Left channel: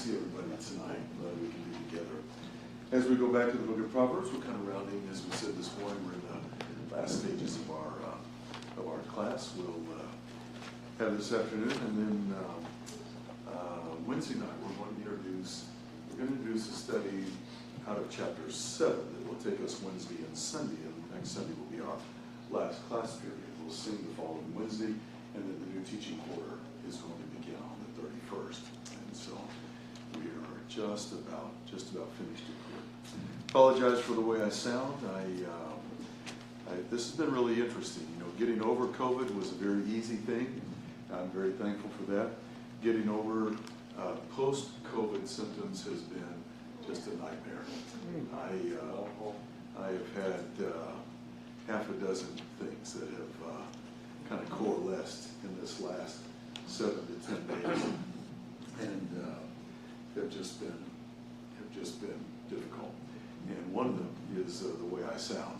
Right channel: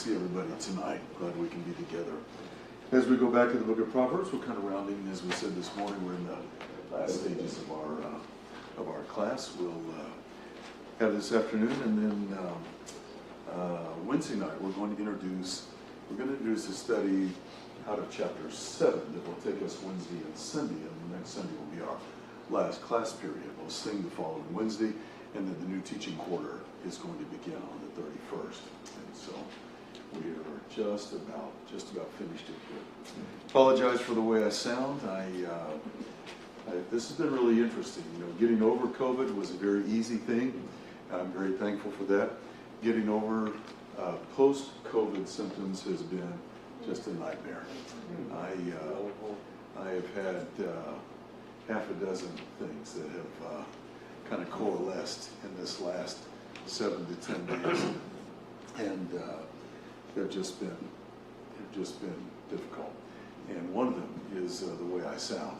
see everybody tonight. Glad we can be together. As we go back to the book of Proverbs, we're kind of rounding, as we said this morning, we're in the last stages of our class. We'll have this afternoon, and then Wednesday night we're going to introduce a study out of chapter 7 that will take us Wednesday and Sunday, and next Sunday will be our last class period. We'll sing the following Wednesday, and then the new teaching quarter is going to begin on the 31st. And so we are just about finished here. Apologize for the way I sound. This has been really interesting. You know, getting over COVID was a very easy thing. I'm very thankful for that. Getting over post-COVID symptoms has been just a nightmare. I have had half a dozen things that have kind of coalesced in this last 7 to 10 days, and have just been difficult. And one of them is the way I sound.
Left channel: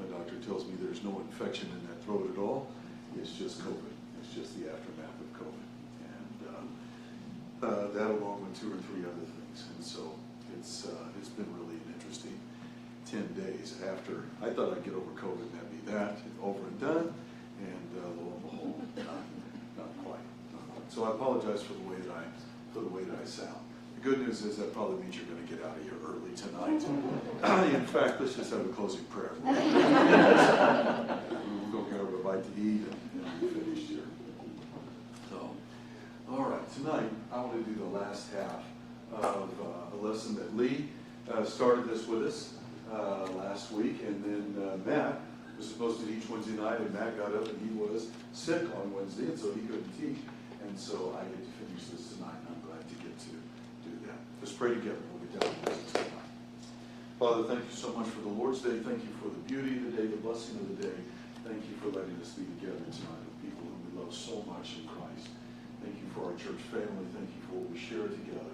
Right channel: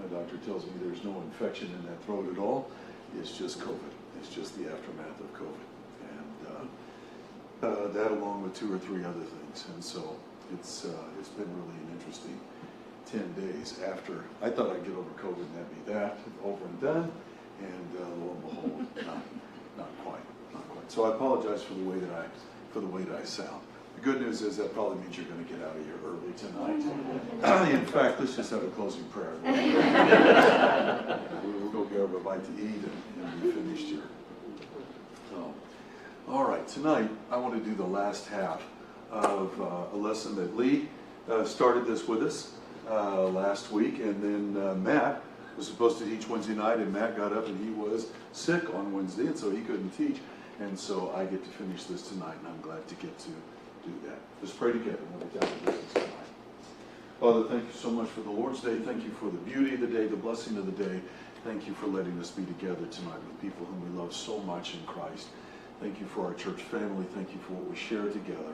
My doctor tells me there's no infection in that throat at all. It's just COVID. It's just the aftermath of COVID, and that along with 2 or 3 other things. And so it's been really an interesting 10 days after I thought I'd get over COVID and that'd be that, over and done, and lo and behold, not quite. So I apologize for the way that I sound. The good news is that probably means you're going to get out of here early tonight. In fact, let's just have a closing prayer. We'll go grab a bite to eat and be finished here. All right, tonight I want to do the last half of a lesson that Lee started this with us last week, and then Matt was supposed to teach Wednesday night, and Matt got up and he was sick on Wednesday, and so he couldn't teach, and so I get to finish this tonight, and I'm glad to get to do that. Let's pray together. We'll be down to business tonight. Father, thank you so much for the Lord's Day. Thank you for the beauty of the day, the blessing of the day. Thank you for letting us be together tonight with people whom we love so much in Christ. Thank you for our church family. Thank you for what we share together.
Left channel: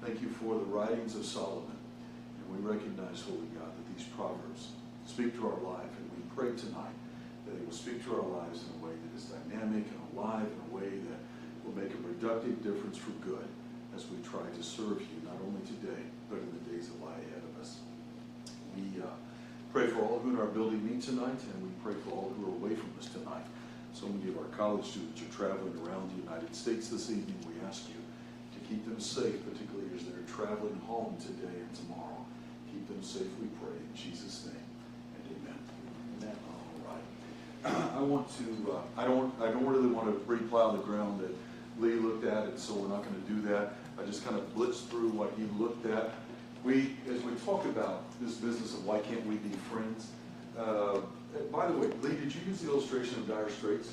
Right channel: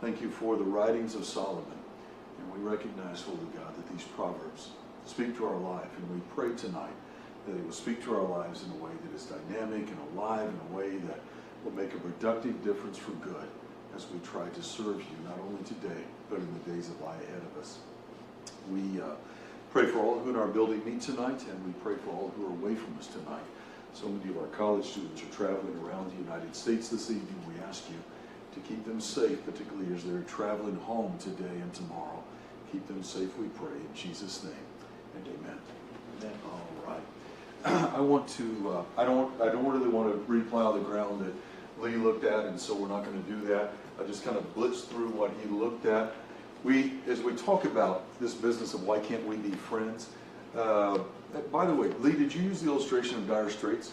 Thank you for the writings of Solomon. And we recognize, Holy God, that these Proverbs speak to our life. And we pray tonight that it will speak to our lives in a way that is dynamic and alive, in a way that will make a productive difference for good as we try to serve you, not only today, but in the days that lie ahead of us. We pray for all who in our building meet tonight, and we pray for all who are away from us tonight. So many of our college students are traveling around the United States this evening. We ask you to keep them safe, particularly as they're traveling home today and tomorrow. Keep them safe, we pray, in Jesus' name, and amen. Amen. All right. I don't really want to replow the ground that Lee looked at, and so we're not going to do that. I just kind of blitzed through what he looked at. As we talk about this business of why can't we be friends, by the way, Lee, did you use the illustration of Dire Straits,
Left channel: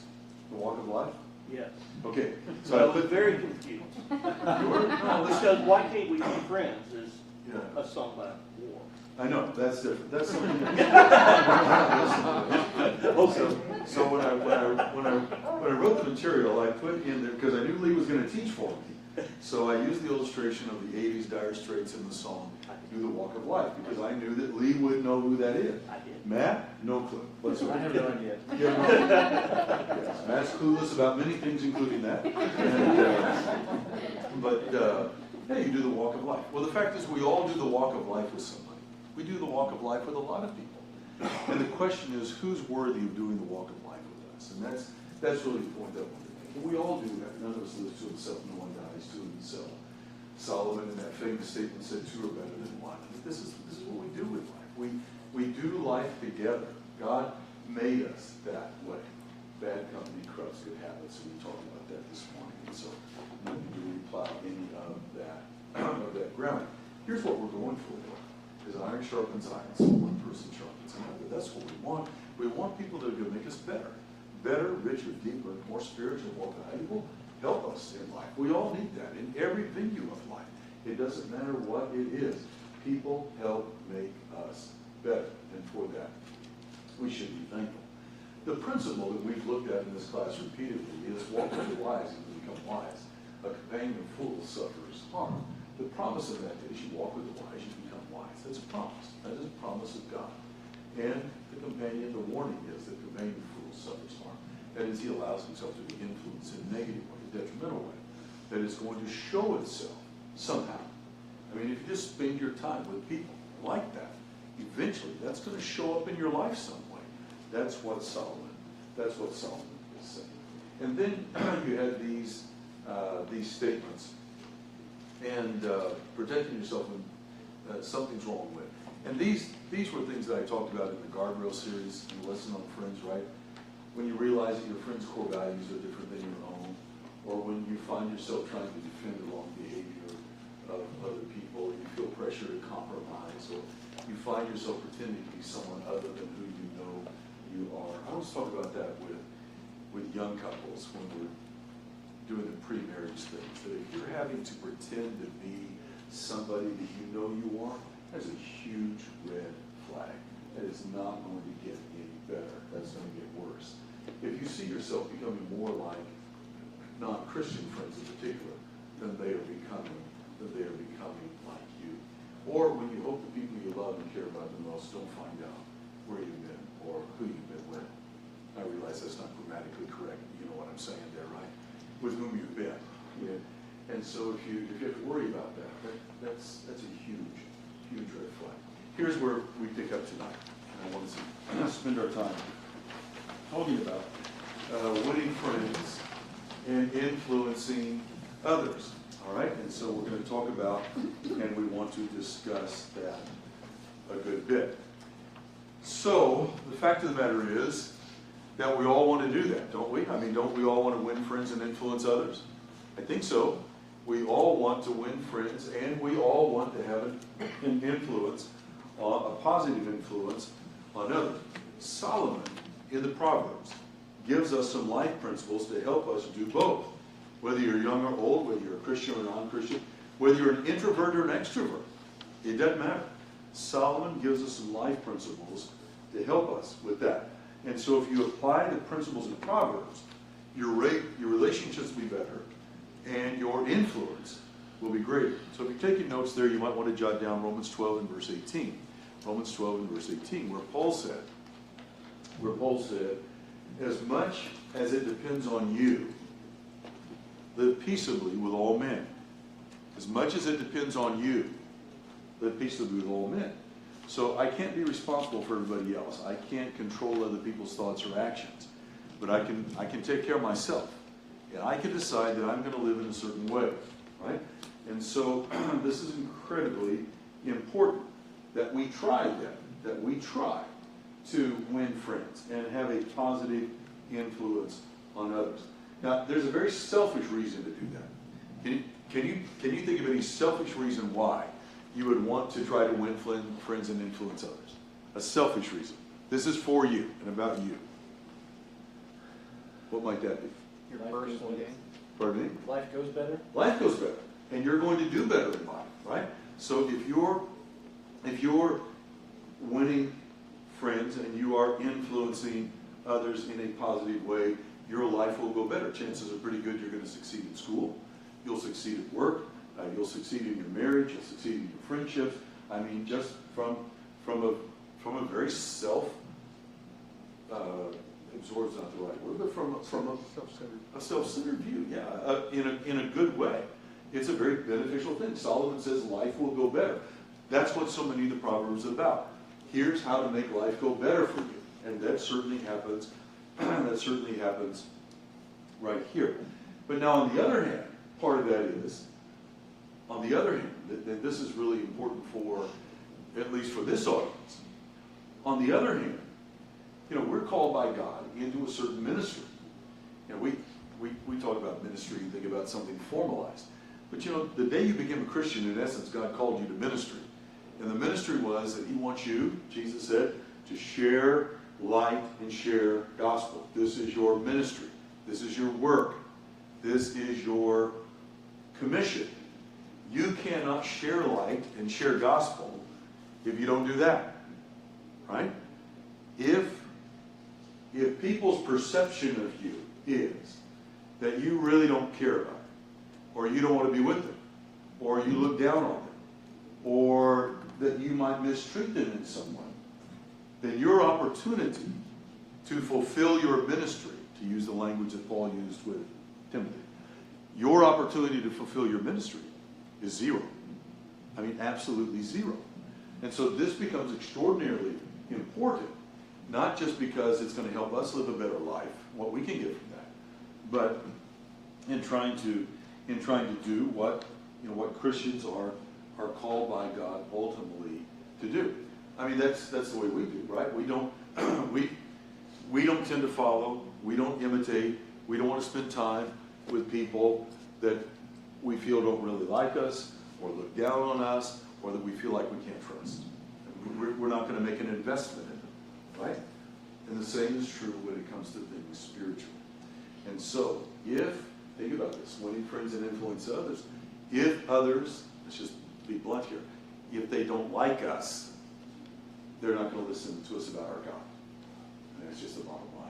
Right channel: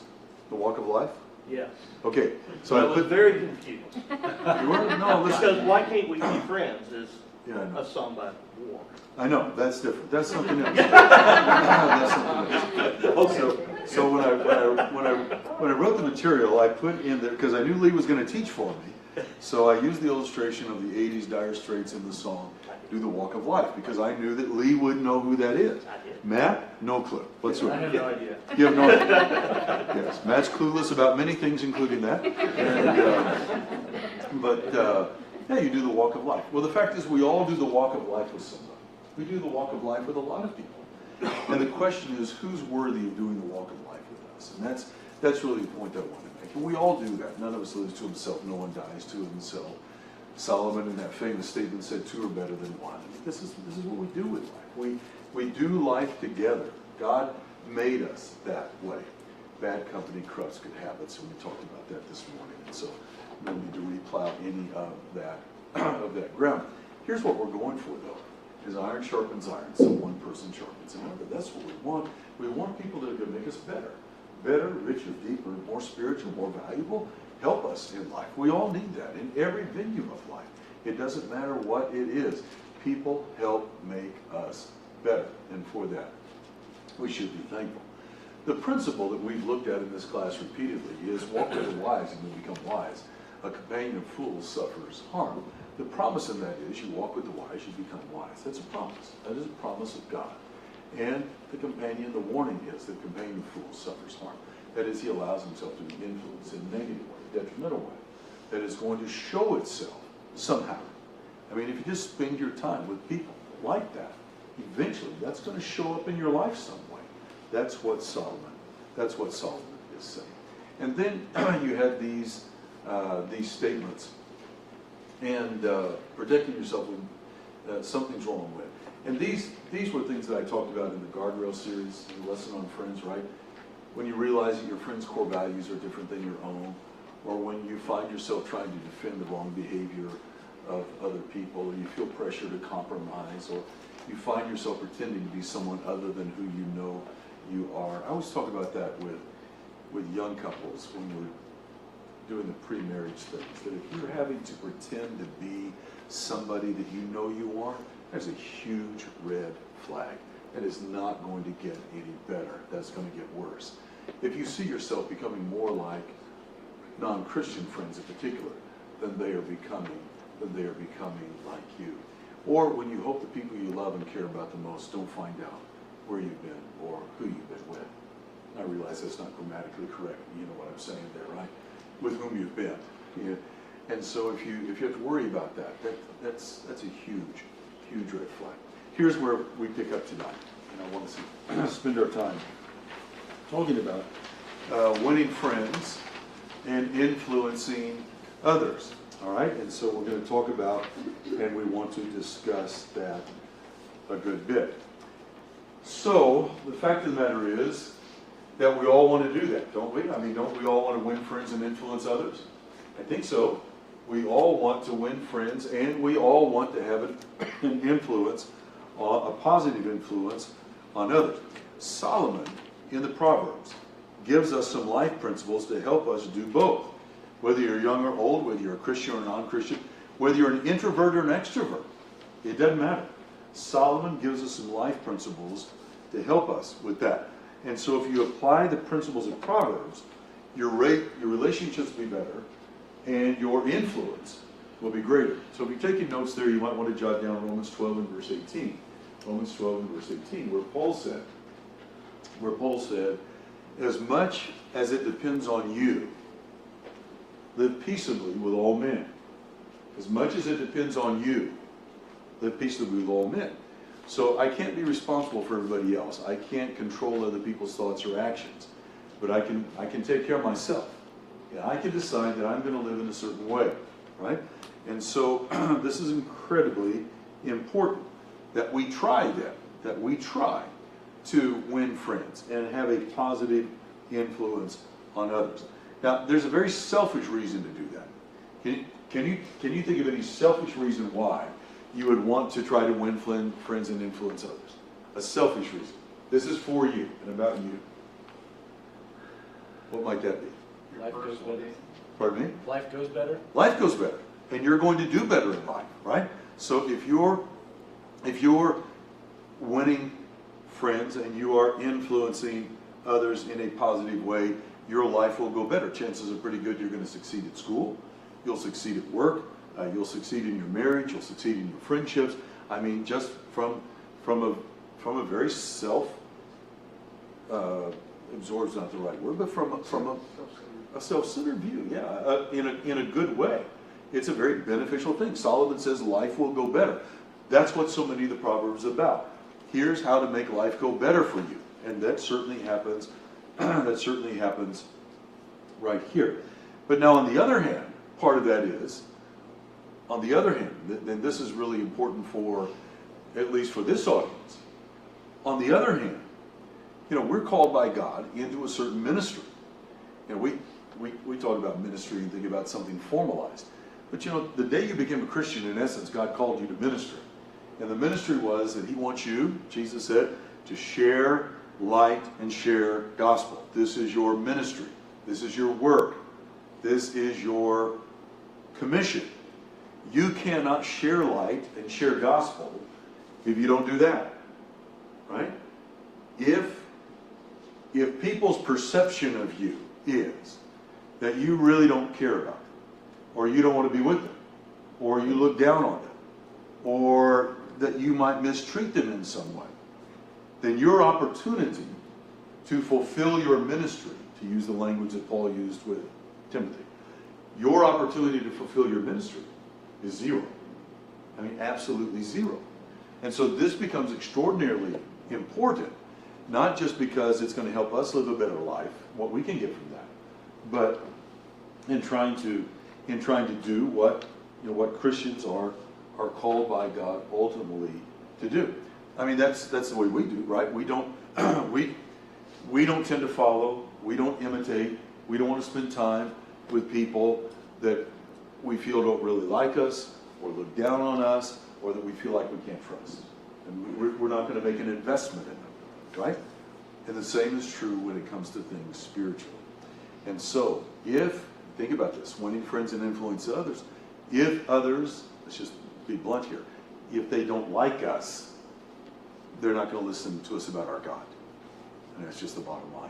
the walk of life? Yes. Okay. So I was very confused. You were? No, listen. Because why can't we be friends is a song by War. I know, that's different. That's something else. That's something else. Okay. So when I wrote the material, I put in there, because I knew Lee was going to teach for me. So I used the illustration of the 80s Dire Straits in the song, Do the Walk of Life, because I knew that Lee would know who that is. I did. Matt, no clue. What's I have no idea. You have no idea. Yes, Matt's clueless about many things, including that. Yeah, you do the walk of life. Well, the fact is, we all do the walk of life with somebody. We do the walk of life with a lot of people. And the question is, who's worthy of doing the walk of life with us? And that's really the point that I want to make. And we all do that. None of us lives to himself. No one dies to himself. Solomon, in that famous statement, said 2 are better than 1. This is what we do with life. We do life together. God made us that way. Bad company corrupts good habits, and we talked about that this morning. So no need to replow any of that ground. Here's what we're going for, though, is iron sharpens iron, so one person sharpens another. That's what we want. We want people that are going to make us better, richer, deeper, more spiritual, more valuable. Help us in life. We all need that in every venue of life. It doesn't matter what it is. People help make us better, and for that, we should be thankful. The principle that we've looked at in this class repeatedly is walk with the wise and you become wise. A companion of fools suffers harm. The promise of that is you walk with the wise, you become wise. That's a promise. That is a promise of God. And the warning is that the companion of fools suffers harm. That is, he allows himself to be influenced in a negative way, a detrimental way. that is going to show itself somehow. I mean, if you just spend your time with people like that, eventually that's going to show up in your life some way. That's what Solomon is saying. And then you had these statements, and protecting yourself when something's wrong with. And these were things that I talked about in the Guardrail series, in the lesson on friends, right? When you realize that your friend's core values are different than your own, or when you find yourself trying to defend the wrong behavior of other people, or you feel pressure to compromise, or you find yourself pretending to be someone other than who you know you are. I always talk about that with young couples when we're doing the pre-marriage things, that if you're having to pretend to be somebody that you know you are, that's a huge red flag. That is not going to get any better. That's going to get worse. If you see yourself becoming more like non-Christian friends in particular, then they are becoming like you. Or when you hope the people you love and care about the most don't find out where you've been or who you've been with. I realize that's not grammatically correct. You know what I'm saying there, right? With whom you've been. Yeah. And so if you have to worry about that's a huge red flag. Here's where we pick up tonight, and I want to spend our time talking about winning friends and influencing others. All right, and so we're going to talk about, and we want to discuss that a good bit. So the fact of the matter is that we all want to do that, don't we? I mean, don't we all want to win friends and influence others? I think so. We all want to win friends, and we all want to have an influence, a positive influence on others. Solomon, in the Proverbs, gives us some life principles to help us do both. Whether you're young or old, whether you're a Christian or non-Christian, whether you're an introvert or an extrovert, it doesn't matter. Solomon gives us some life principles to help us with that. And so if you apply the principles of Proverbs, your relationships will be better, and your influence will be greater. So if you're taking notes there, you might want to jot down Romans 12 and verse 18. Romans 12 and verse 18, where Paul said, as much as it depends on you, live peaceably with all men. As much as it depends on you, live peaceably with all men. So I can't be responsible for everybody else. I can't control other people's thoughts or actions. But I can take care of myself. And I can decide that I'm going to live in a certain way, right? And so this is incredibly important that we try to win friends and have a positive influence on others. Now, there's a very selfish reason to do that. Can you think of any selfish reason why you would want to try to win friends and influence others? A selfish reason. This is for you and about you. What might that be? Life goes better. Pardon me? Life goes better. Life goes better, and you're going to do better in life, right? So if you're winning friends and you are influencing others in a positive way, your life will go better. Chances are pretty good you're going to succeed at school. You'll succeed at work. You'll succeed in your marriage. You'll succeed in your friendships. I mean, just from a very absorbs not the right word, but from a self-centered view, yeah, in a good way. It's a very beneficial thing. Solomon says life will go better. That's what so many of the Proverbs are about. Here's how to make life go better for you, and that certainly happens. That certainly happens right here. But now, on the other hand, part of that is, on the other hand, and this is really important for, at least for this audience. On the other hand, we're called by God into a certain ministry. We talk about ministry and think about something formalized. But the day you became a Christian, in essence, God called you to ministry. And the ministry was that He wants you, Jesus said, to share light and share gospel. This is your ministry. This is your work. This is your commission. You cannot share light and share gospel if you don't do that. Right? If people's perception of you is that you really don't care about them, or you don't want to be with them, or you look down on them, or that you might mistreat them in some way, then your opportunity to fulfill your ministry, to use the language that Paul used with Timothy, your opportunity to fulfill your ministry is zero. I mean, absolutely zero. And so this becomes extraordinarily important, not just because it's going to help us live a better life, what we can get from that, but in trying to do what Christians are called by God ultimately to do. I mean, that's the way we do, right? We don't we don't tend to follow, we don't imitate, we don't want to spend time with people that we feel don't really like us or look down on us or that we feel like we can't trust. And we're not going to make an investment in them, right? And the same is true when it comes to things spiritual. And so, think about this, winning friends and influence others, if others, let's just be blunt here, if they don't like us, they're not going to listen to us about our God. And that's just the bottom line.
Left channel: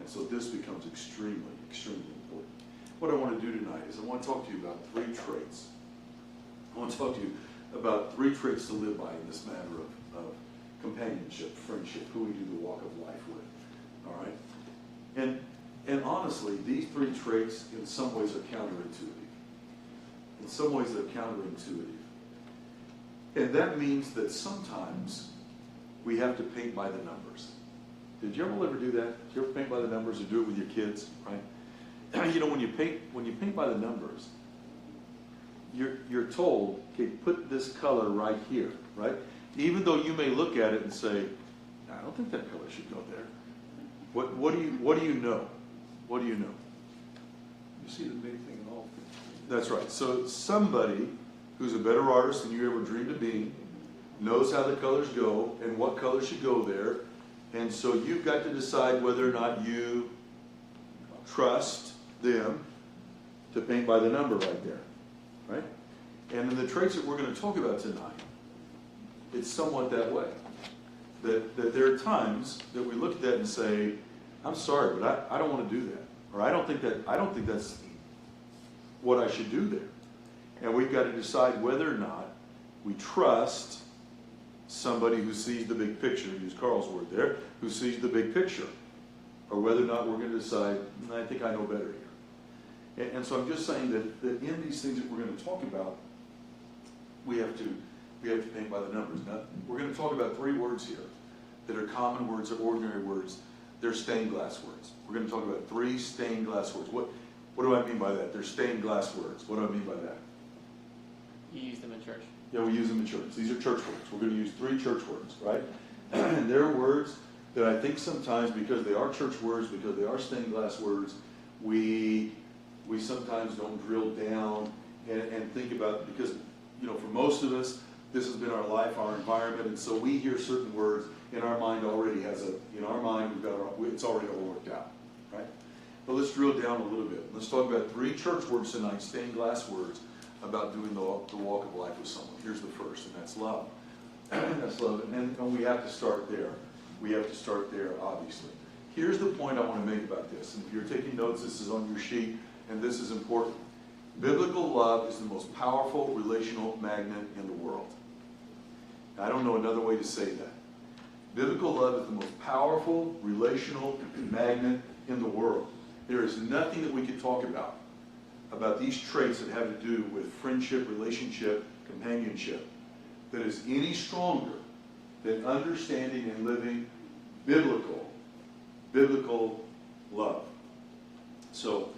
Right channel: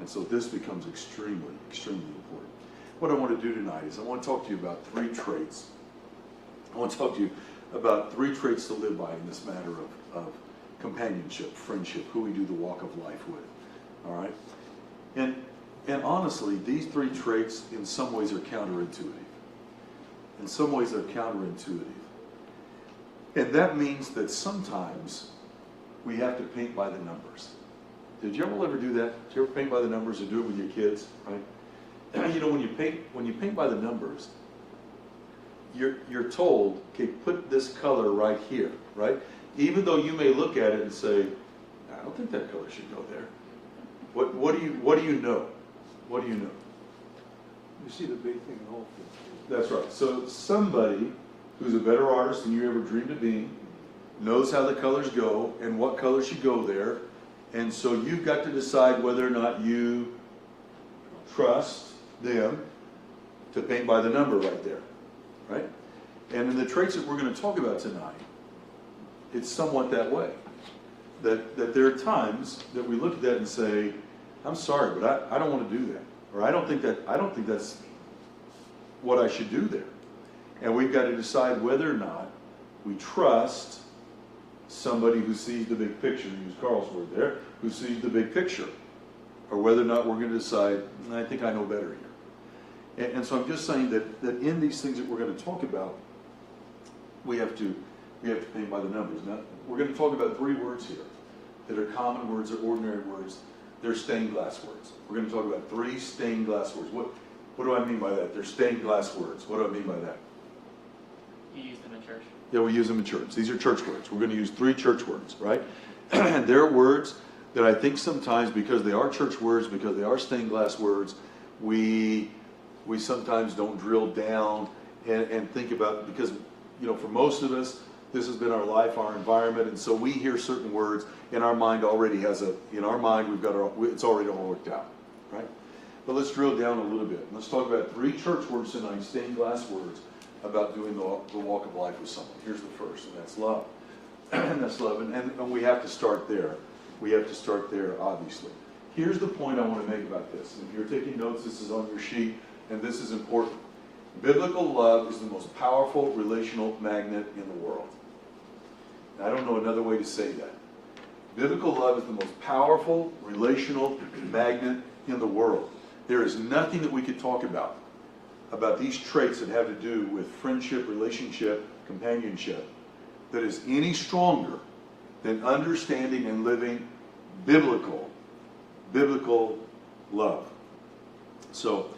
And so this becomes extremely, extremely important. What I want to do tonight is I want to talk to you about 3 traits. I want to talk to you about 3 traits to live by in this matter of companionship, friendship, who we do the walk of life with. All right? And honestly, these 3 traits in some ways are counterintuitive. In some ways they're counterintuitive. And that means that sometimes we have to paint by the numbers. Did you ever do that? Did you ever paint by the numbers or do it with your kids? Right? You know, when you paint by the numbers, you're told, okay, put this color right here, right? Even though you may look at it and say, I don't think that color should go there. What do you know? What do you know? You see the big thing in all things. That's right. So somebody who's a better artist than you ever dreamed of being knows how the colors go and what color should go there. And so you've got to decide whether or not you trust them to paint by the number right there. Right? And in the traits that we're going to talk about tonight, it's somewhat that way. That there are times that we look at that and say, I'm sorry, but I don't want to do that. Or I don't think that's what I should do there. And we've got to decide whether or not we trust somebody who sees the big picture, to use Carl's word there, who sees the big picture. Or whether or not we're going to decide, I think I know better here. And so I'm just saying that in these things that we're going to talk about, we have to paint by the numbers. Now, we're going to talk about 3 words here that are common words, or ordinary words. They're stained glass words. We're going to talk about 3 stained glass words. What do I mean by that? They're stained glass words. What do I mean by that? You use them in church. Yeah, we use them in church. These are church words. We're going to use 3 church words, right? And they're words that I think sometimes, because they are church words, because they are stained glass words, we sometimes don't drill down and think about, because, for most of us, this has been our life, our environment, and so we hear certain words, and our mind already has it's already all worked out, right? But let's drill down a little bit. Let's talk about 3 church words tonight, stained glass words, about doing the walk of life with someone. Here's the first, and that's love. And that's love, and we have to start there. We have to start there, obviously. Here's the point I want to make about this. And if you're taking notes, this is on your sheet, and this is important. Biblical love is the most powerful relational magnet in the world. I don't know another way to say that. Biblical love is the most powerful relational magnet in the world. There is nothing that we could talk about these traits that have to do with friendship, relationship, companionship, that is any stronger than understanding and living biblical love. So,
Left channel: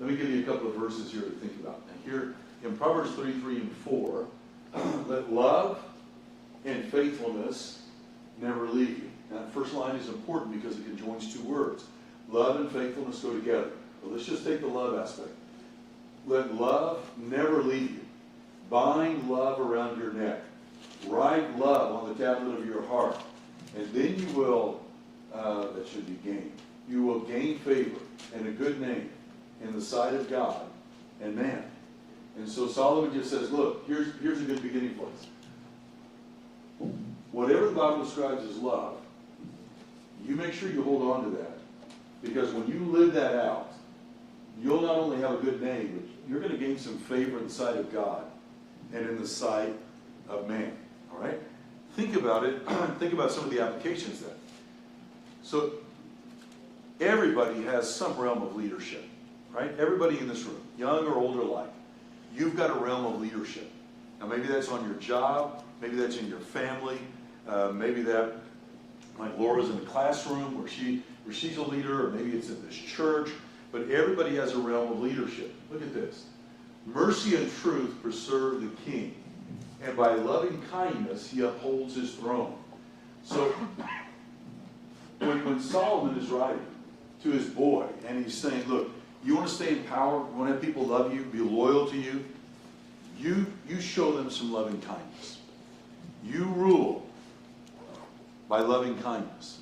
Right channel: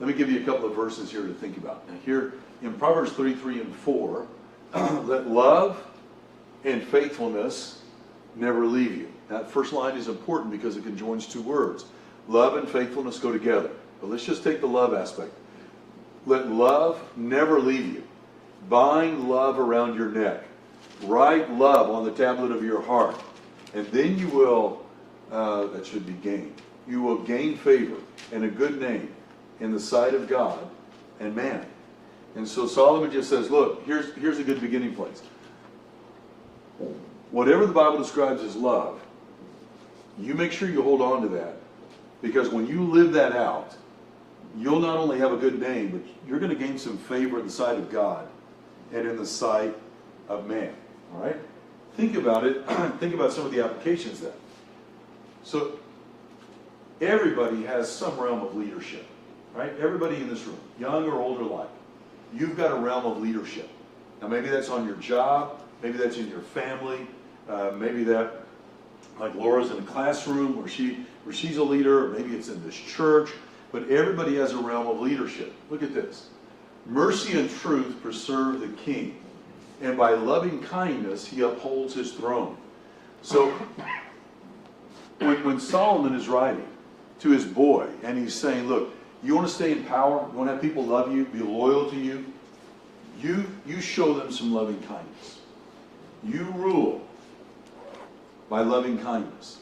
let me give you a couple of verses here to think about. Now, here in Proverbs 33 and 4, let love and faithfulness never leave you. Now, that first line is important because it conjoins 2 words. Love and faithfulness go together. But let's just take the love aspect. Let love never leave you. Bind love around your neck. Write love on the tablet of your heart. And then you will, that should be gain. You will gain favor and a good name in the sight of God and man. And so Solomon just says, look, here's a good beginning place. Whatever the Bible describes as love, you make sure you hold on to that. Because when you live that out, you'll not only have a good name, but you're going to gain some favor in the sight of God and in the sight of man. All right? Think about it. Think about some of the applications then. So, everybody has some realm of leadership. right? Everybody in this room, young or old alike, you've got a realm of leadership. Now maybe that's on your job, maybe that's in your family, maybe that, like Laura's in the classroom where she's a leader, or maybe it's in this church, but everybody has a realm of leadership. Look at this. Mercy and truth preserve the king, and by loving kindness he upholds his throne. So when Solomon is writing to his boy, and he's saying, look, you want to stay in power, you want to have people love you, be loyal to you, you show them some loving kindness. You rule by loving kindness.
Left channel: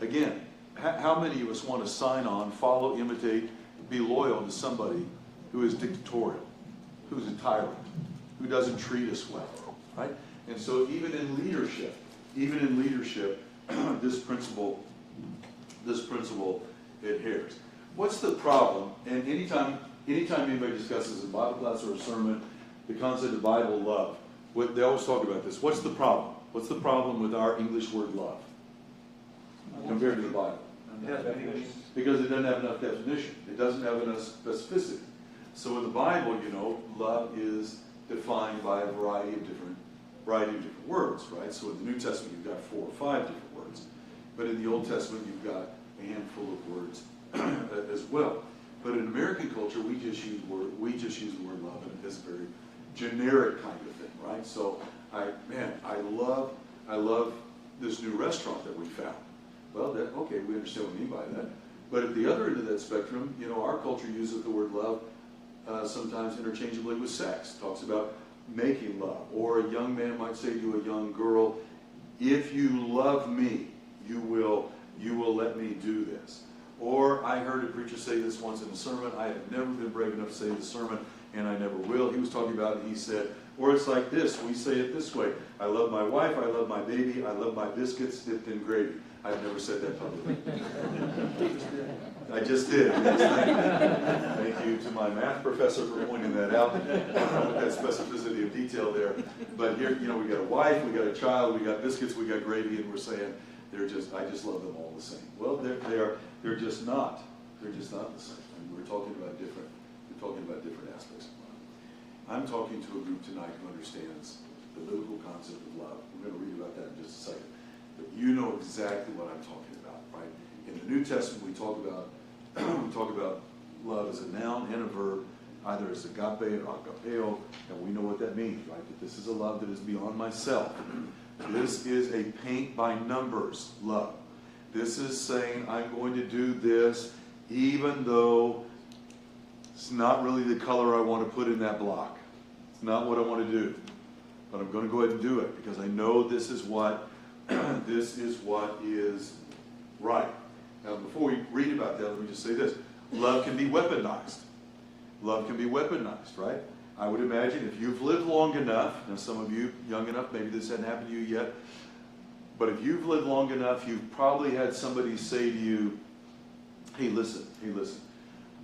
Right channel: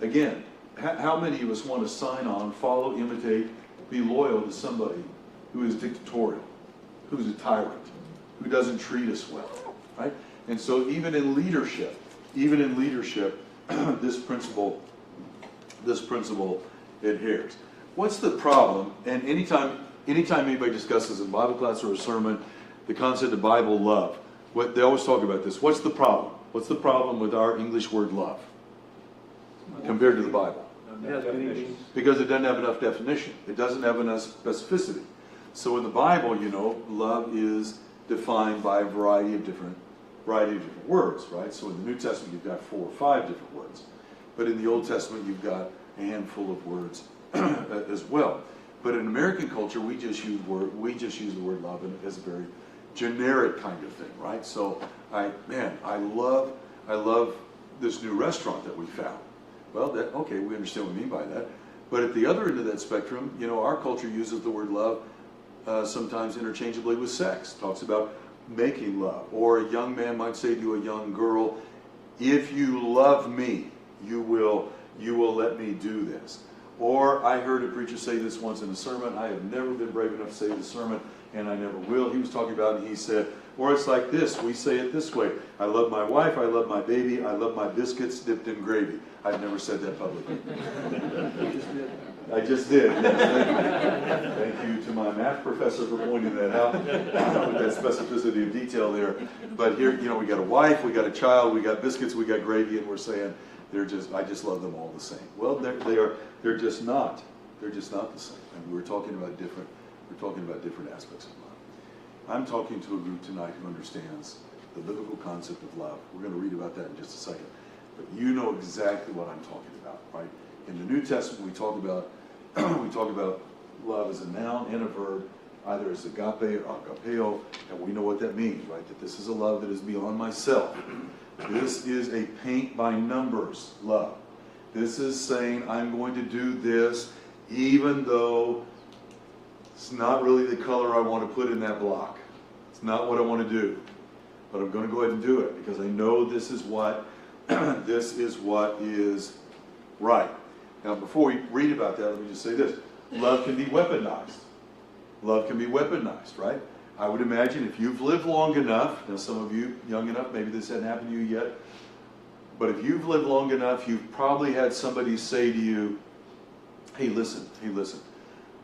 Again, how many of us want to sign on, follow, imitate, be loyal to somebody who is dictatorial, who's a tyrant, who doesn't treat us well, right? And so even in leadership, this principle adheres. What's the problem? And anytime anybody discusses in Bible class or a sermon the concept of Bible love, they always talk about this. What's the problem? What's the problem with our English word love compared to the Bible? Because it doesn't have enough definition. It doesn't have enough specificity. So in the Bible, love is defined by a variety of different words, right? So in the New Testament, you've got 4 or 5 different words. But in the Old Testament, you've got a handful of words as well. But in American culture, we just use the word love as a very generic kind of thing, right? So I love this new restaurant that we found. Well, okay, we understand what we mean by that. But at the other end of that spectrum, our culture uses the word love sometimes interchangeably with sex. Talks about making love. Or a young man might say to a young girl, if you love me, you will let me do this. Or I heard a preacher say this once in a sermon. I have never been brave enough to say this sermon, and I never will. He was talking about it, and he said, or it's like this. We say it this way. I love my wife. I love my baby. I love my biscuits dipped in gravy. I've never said that publicly. I just did. Thank you to my math professor for pointing that out, that specificity of detail there. But here, we got a wife, we got a child, we got biscuits, we got gravy, and we're saying I just love them all the same. Well, they're just not. They're just not the same. And we're talking about different aspects of love. I'm talking to a group tonight who understands the biblical concept of love. We're going to read about that in just a second. But you know exactly what I'm talking about, right? In the New Testament, we talk about love as a noun and a verb, either as agape or agapeo, and we know what that means, right? That this is a love that is beyond myself. This is a paint by numbers love. This is saying I'm going to do this even though it's not really the color I want to put in that block. It's not what I want to do. But I'm going to go ahead and do it because I know this is what is right. Now, before we read about that, let me just say this. Love can be weaponized. Love can be weaponized, right? I would imagine if you've lived long enough, now some of you young enough, maybe this hasn't happened to you yet, but if you've lived long enough, you've probably had somebody say to you, hey, listen,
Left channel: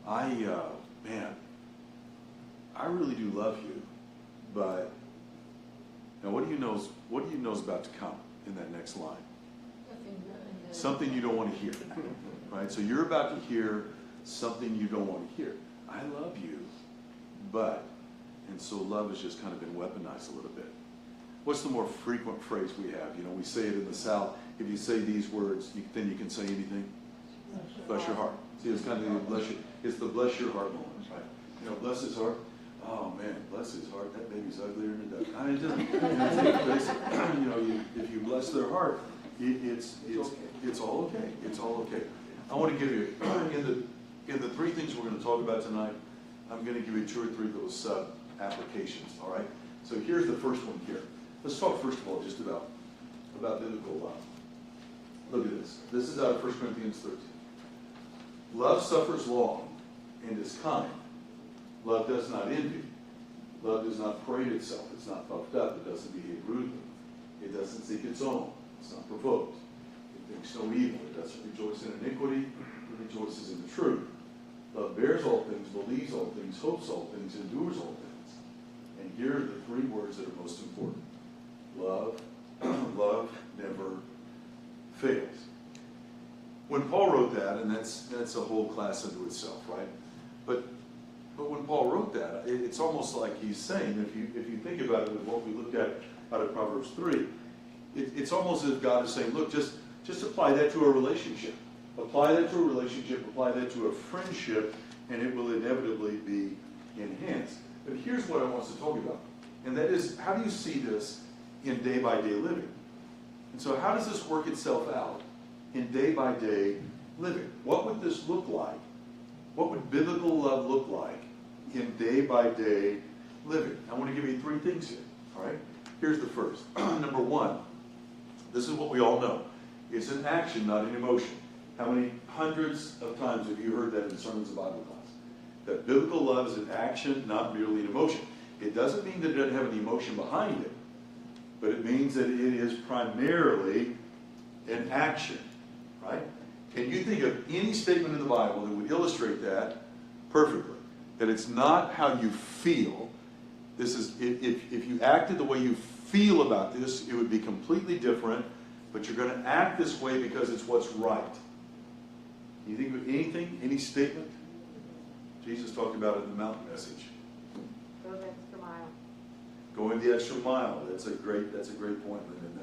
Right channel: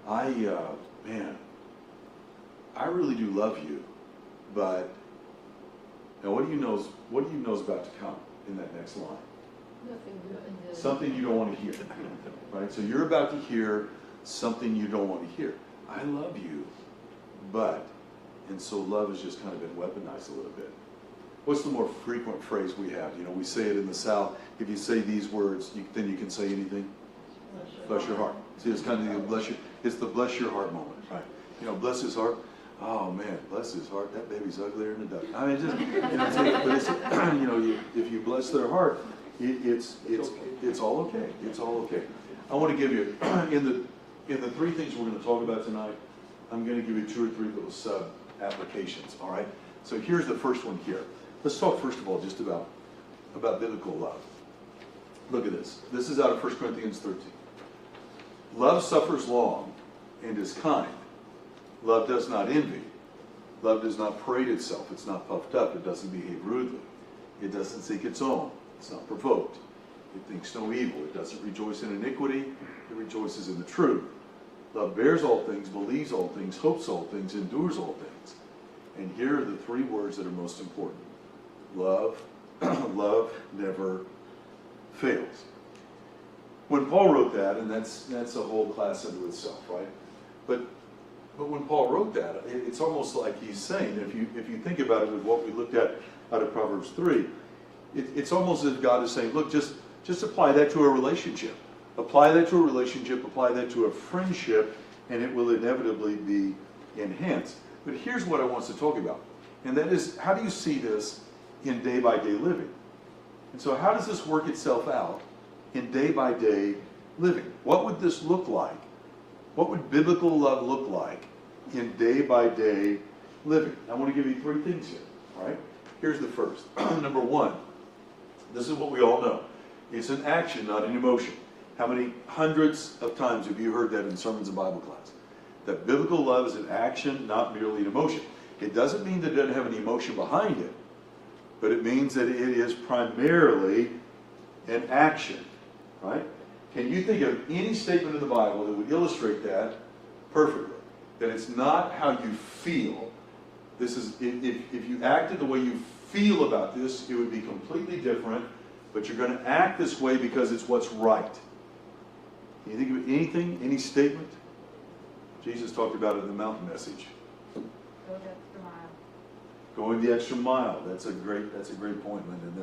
I really do love you, but now what do you know is about to come in that next line? Nothing good. Something you don't want to hear, right? So you're about to hear something you don't want to hear. I love you, but, and so love has just kind of been weaponized a little bit. What's the more frequent phrase we have? We say it in the South. If you say these words, then you can say anything. Bless your heart. See, it's kind of the bless your heart moment, right? Bless his heart. Oh man, bless his heart. That baby's uglier than a duck. I mean, if you bless their heart, it's all okay. It's all okay. I want to give you in the 3 things we're going to talk about tonight. I'm going to give you 2 or 3 little sub applications. All right. So here's the first one here. Let's talk first of all just about biblical love. Look at this. This is out of 1 Corinthians 13. Love suffers long and is kind. Love does not envy. Love does not parade itself. It's not puffed up. It doesn't behave rudely. It doesn't seek its own. It's not provoked. It thinks no evil. It doesn't rejoice in iniquity. It rejoices in the truth. Love bears all things, believes all things, hopes all things, endures all things. And here are the 3 words that are most important. Love never fails. when Paul wrote that, and that's a whole class unto itself, right? But when Paul wrote that, it's almost like he's saying, if you think about it with what we looked at out of Proverbs 3, it's almost as if God is saying, look, just apply that to a relationship. Apply that to a relationship, apply that to a friendship, and it will inevitably be enhanced. But here's what I want us to talk about, and that is, how do you see this in day-by-day living? And so how does this work itself out in day-by-day living? What would this look like? What would biblical love look like in day-by-day living? I want to give you 3 things here, all right? Here's the first. Number 1, this is what we all know. It's an action, not an emotion. How many hundreds of times have you heard that in sermons and Bible class? That biblical love is an action, not merely an emotion. It doesn't mean that it doesn't have any emotion behind it, but it means that it is primarily an action, right? Can you think of any statement in the Bible that would illustrate that perfectly? That it's not how you feel. This is, if you acted the way you feel about this, it would be completely different, but you're going to act this way because it's what's right. Can you think of anything, any statement? Jesus talked about it in the mountain message. Go the extra mile. Going the extra mile. That's a great point, Lyndon.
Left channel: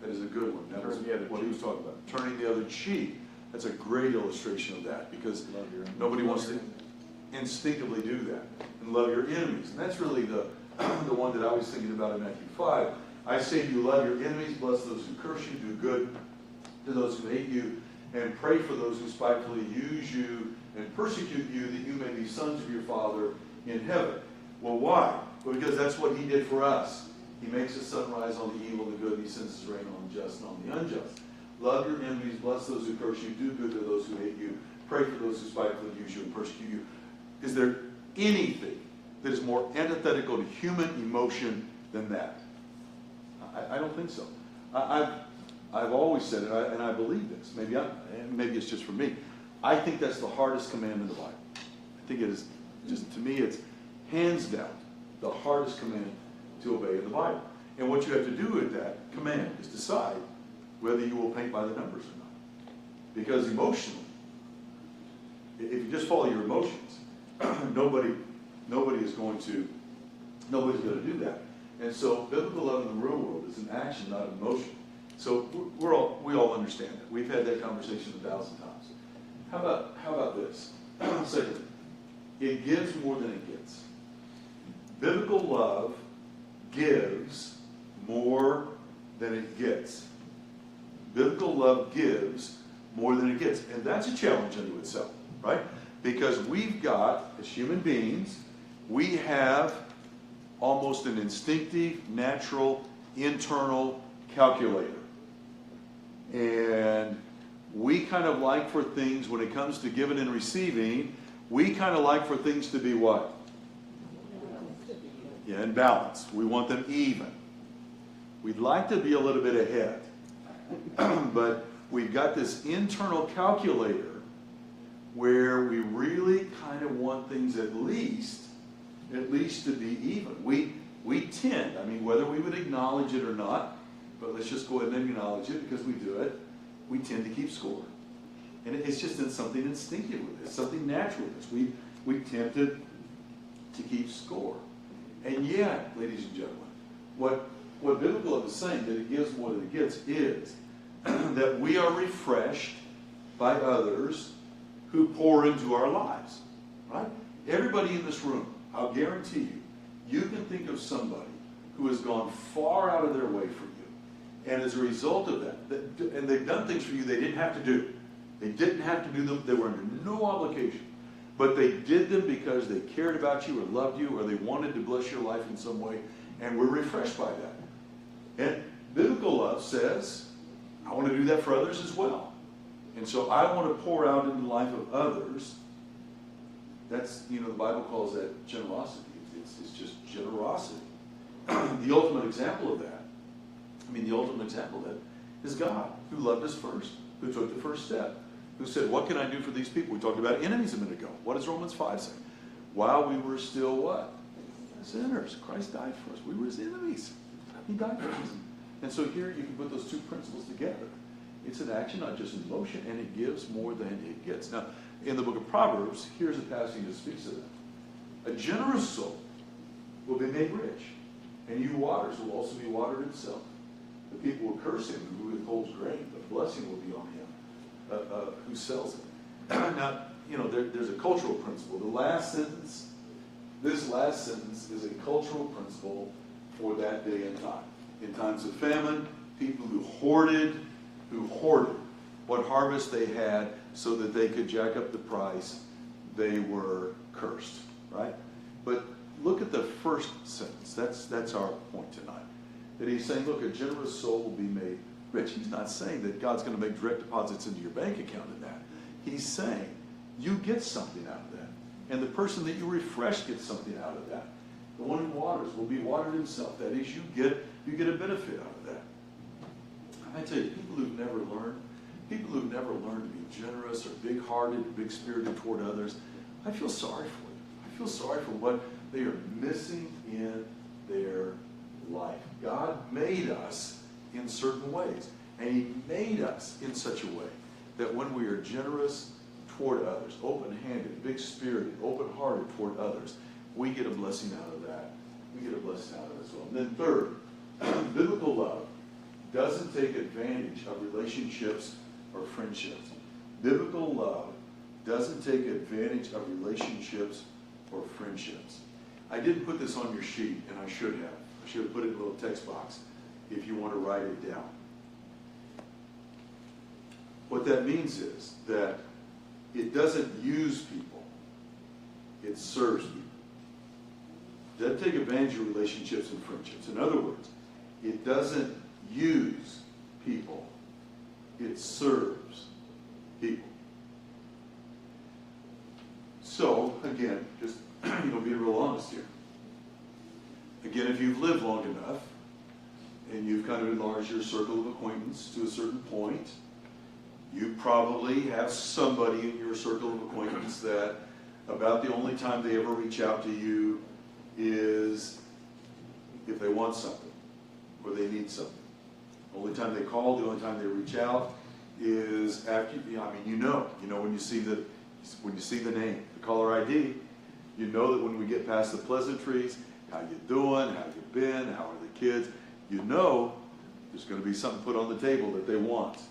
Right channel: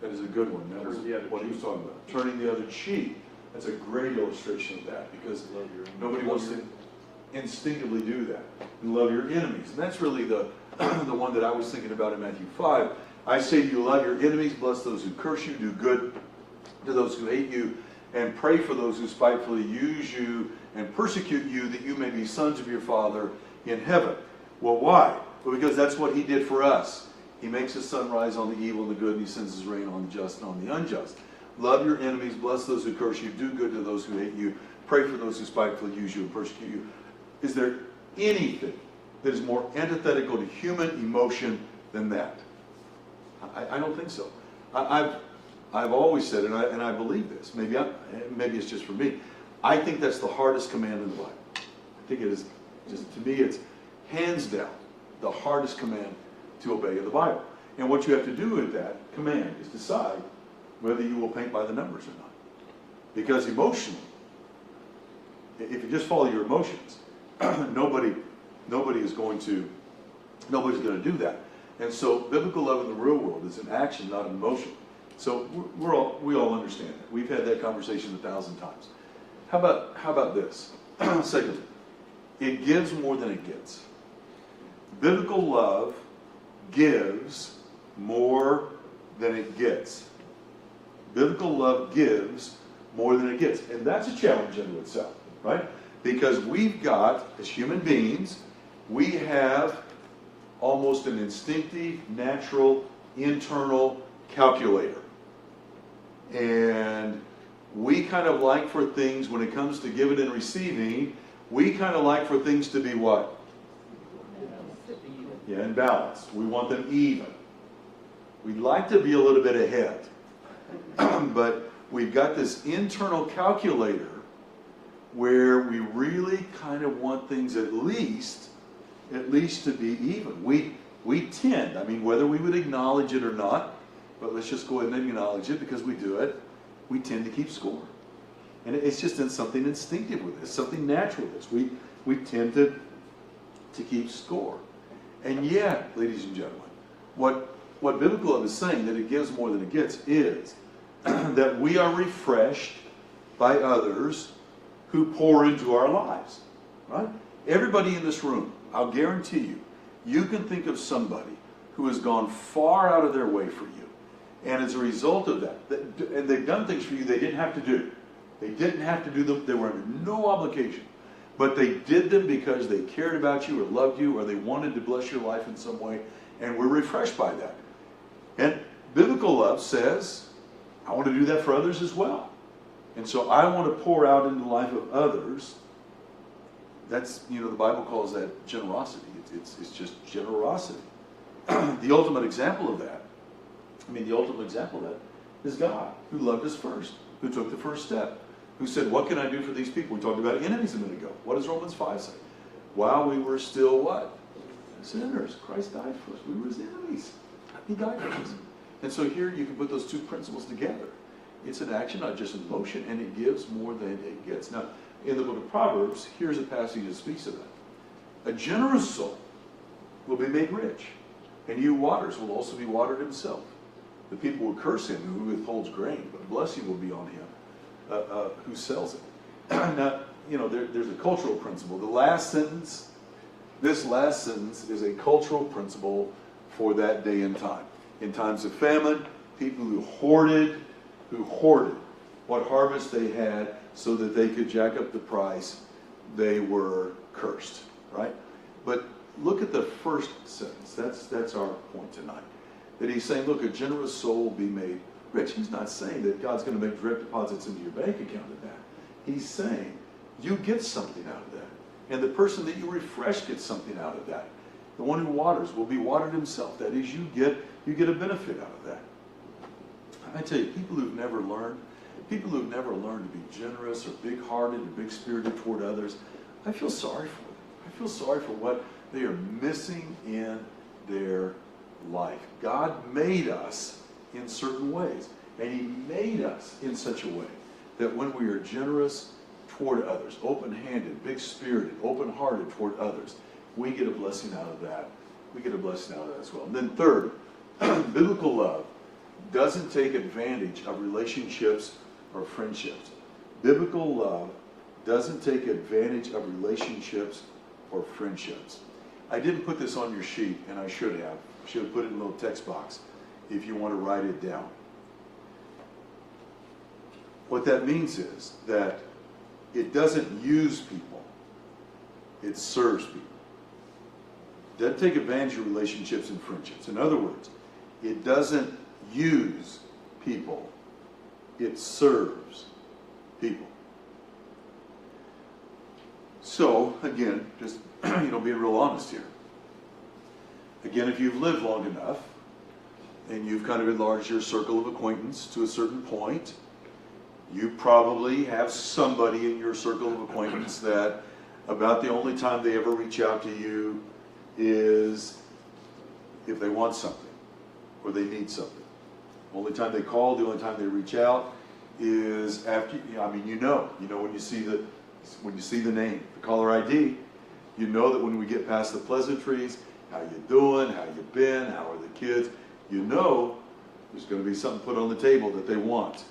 That is a good one. That was what he was talking about. Turning the other cheek. That's a great illustration of that, because nobody wants to instinctively do that. And love your enemies. And that's really the one that I was thinking about in Matthew 5. I say to you, love your enemies, bless those who curse you, do good to those who hate you, and pray for those who spitefully use you and persecute you, that you may be sons of your Father in heaven. Well, why? Well, because that's what he did for us. He makes his sun rise on the evil and the good, and he sends his rain on the just and on the unjust. Love your enemies, bless those who curse you, do good to those who hate you, pray for those who spitefully use you and persecute you. Is there anything that is more antithetical to human emotion than that? I don't think so. I've always said, and I believe this, maybe it's just for me, I think that's the hardest command in the Bible. I think it is, just to me, it's hands down the hardest command to obey in the Bible. And what you have to do with that command is decide whether you will paint by the numbers or not. Because emotionally, if you just follow your emotions, nobody's going to do that. And so biblical love in the real world is an action, not an emotion. So we all understand that. We've had that conversation 1,000 times. How about this? Secondly, it gives more than it gets. Biblical love gives more than it gets. Biblical love gives more than it gets. And that's a challenge unto itself, right? Because we've got, as human beings, we have almost an instinctive, natural, internal calculator. And we kind of like for things, when it comes to giving and receiving, we kind of like for things to be what? Yeah, in balance. We want them even. We'd like to be a little bit ahead. But we've got this internal calculator where we really kind of want things at least to be even. We tend, whether we would acknowledge it or not, but let's just go ahead and acknowledge it because we do it, we tend to keep score. And it's just something instinctive with this, something natural with this. We tend to keep score. And yet, ladies and gentlemen, what biblical love is saying, that it gives more than it gets, is that we are refreshed by others who pour into our lives. Right? Everybody in this room, I'll guarantee you, you can think of somebody who has gone far out of their way for you. And as a result of that, and they've done things for you they didn't have to do. They didn't have to do them. They were under no obligation. But they did them because they cared about you or loved you, or they wanted to bless your life in some way, and we're refreshed by that. And biblical love says, I want to do that for others as well. And so I want to pour out into the life of others. That's, the Bible calls that generosity. It's just generosity. The ultimate example of that is God, who loved us first, who took the first step, who said, what can I do for these people? We talked about enemies a minute ago. What does Romans 5 say? While we were still what? Sinners. Christ died for us. We were his enemies. He died for us. And so here you can put those two principles together. It's an action, not just an emotion, and it gives more than it gets. Now, in the book of Proverbs, here's a passage that speaks of that. A generous soul will be made rich, and he who waters will also be watered himself. The people will curse him who withholds grain, but a blessing will be on him who sells it. Now, there's a cultural principle. This last sentence is a cultural principle for that day and time. In times of famine, people who hoarded what harvest they had so that they could jack up the price, they were cursed, right? But look at the first sentence. That's our point tonight. That he's saying, look, a generous soul will be made rich. He's not saying that God's going to make direct deposits into your bank account of that. He's saying you get something out of that. And the person that you refresh gets something out of that. The one who waters will be watered himself. That is, you get a benefit out of that. I tell you, people who've never learned to be generous or big-hearted or big-spirited toward others, I feel sorry for them. I feel sorry for what they are missing in their life. God made us in certain ways, and he made us in such a way that when we are generous toward others, open-handed, big-spirited, open-hearted toward others, we get a blessing out of that. We get a blessing out of that as well. And then third, biblical love doesn't take advantage of relationships or friendships. Biblical love doesn't take advantage of relationships or friendships. I didn't put this on your sheet, and I should have. I should have put it in a little text box if you want to write it down. What that means is that it doesn't use people. It serves people. It doesn't take advantage of relationships and friendships. In other words, it doesn't use people. It serves people. So, again, just being real honest here. Again, if you've lived long enough, and you've kind of enlarged your circle of acquaintance to a certain point, you probably have somebody in your circle of acquaintance that about the only time they ever reach out to you is if they want something or they need something. The only time they call, the only time they reach out is after, when you see the name, the caller ID, you know that when we get past the pleasantries, how you doing, how you been, how are the kids, you know there's going to be something put on the table that they want.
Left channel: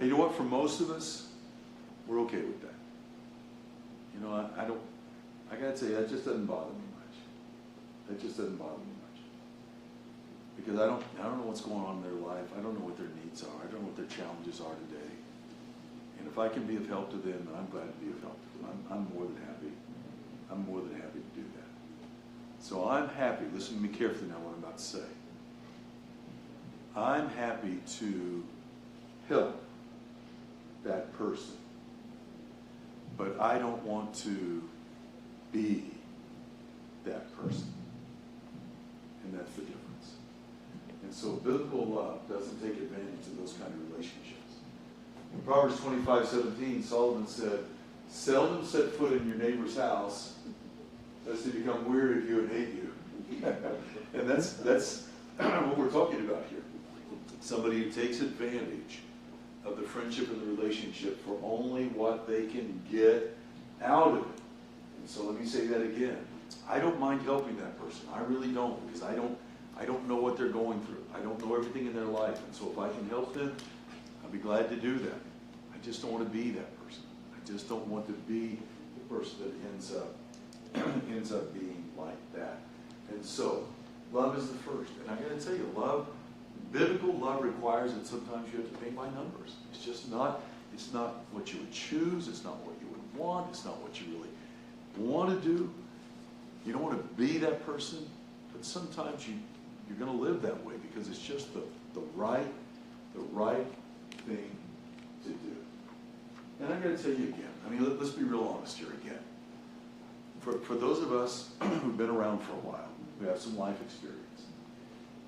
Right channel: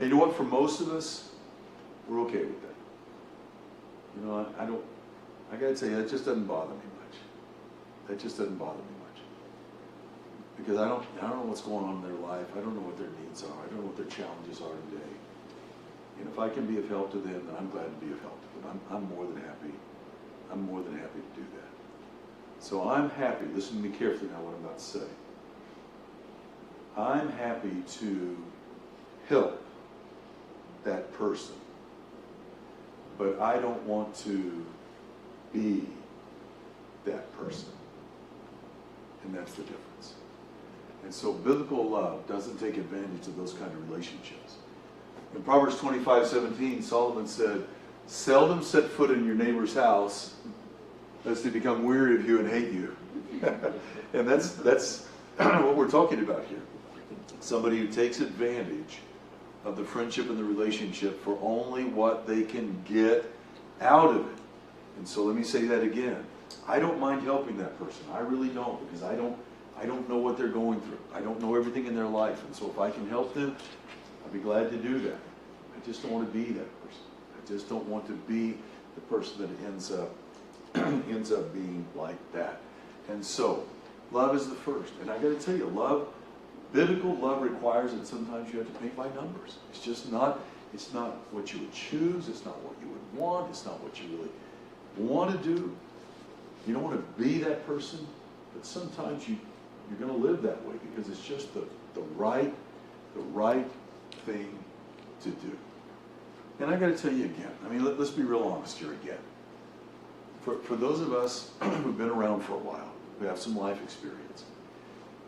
And you know what, for most of us, we're okay with that. I gotta tell you, that just doesn't bother me much. That just doesn't bother me much. Because I don't know what's going on in their life. I don't know what their needs are. I don't know what their challenges are today. And if I can be of help to them, then I'm glad to be of help to them. I'm more than happy. I'm more than happy to do that. So I'm happy, listen to me carefully now what I'm about to say. I'm happy to help that person. But I don't want to be that person. And that's the difference. And so biblical love doesn't take advantage of those kind of relationships. In Proverbs 25:17, Solomon said, "Seldom set foot in your neighbor's house, lest they become weary of you and hate you." And that's what we're talking about here. Somebody who takes advantage of the friendship and the relationship for only what they can get out of it. And so let me say that again. I don't mind helping that person. I really don't, because I don't know what they're going through. I don't know everything in their life. And so if I can help them, I'll be glad to do that. I just don't want to be that person. I just don't want to be the person that ends up being like that. And so, love is the first. And I got to tell you, biblical love requires that sometimes you have to pay by numbers. It's not what you would choose. It's not what you would want. It's not what you really want to do. You don't want to be that person, but sometimes you're going to live that way because it's just the right thing to do. And I got to tell you again, let's be real honest here again. For those of us who've been around for a while, who have some life experience,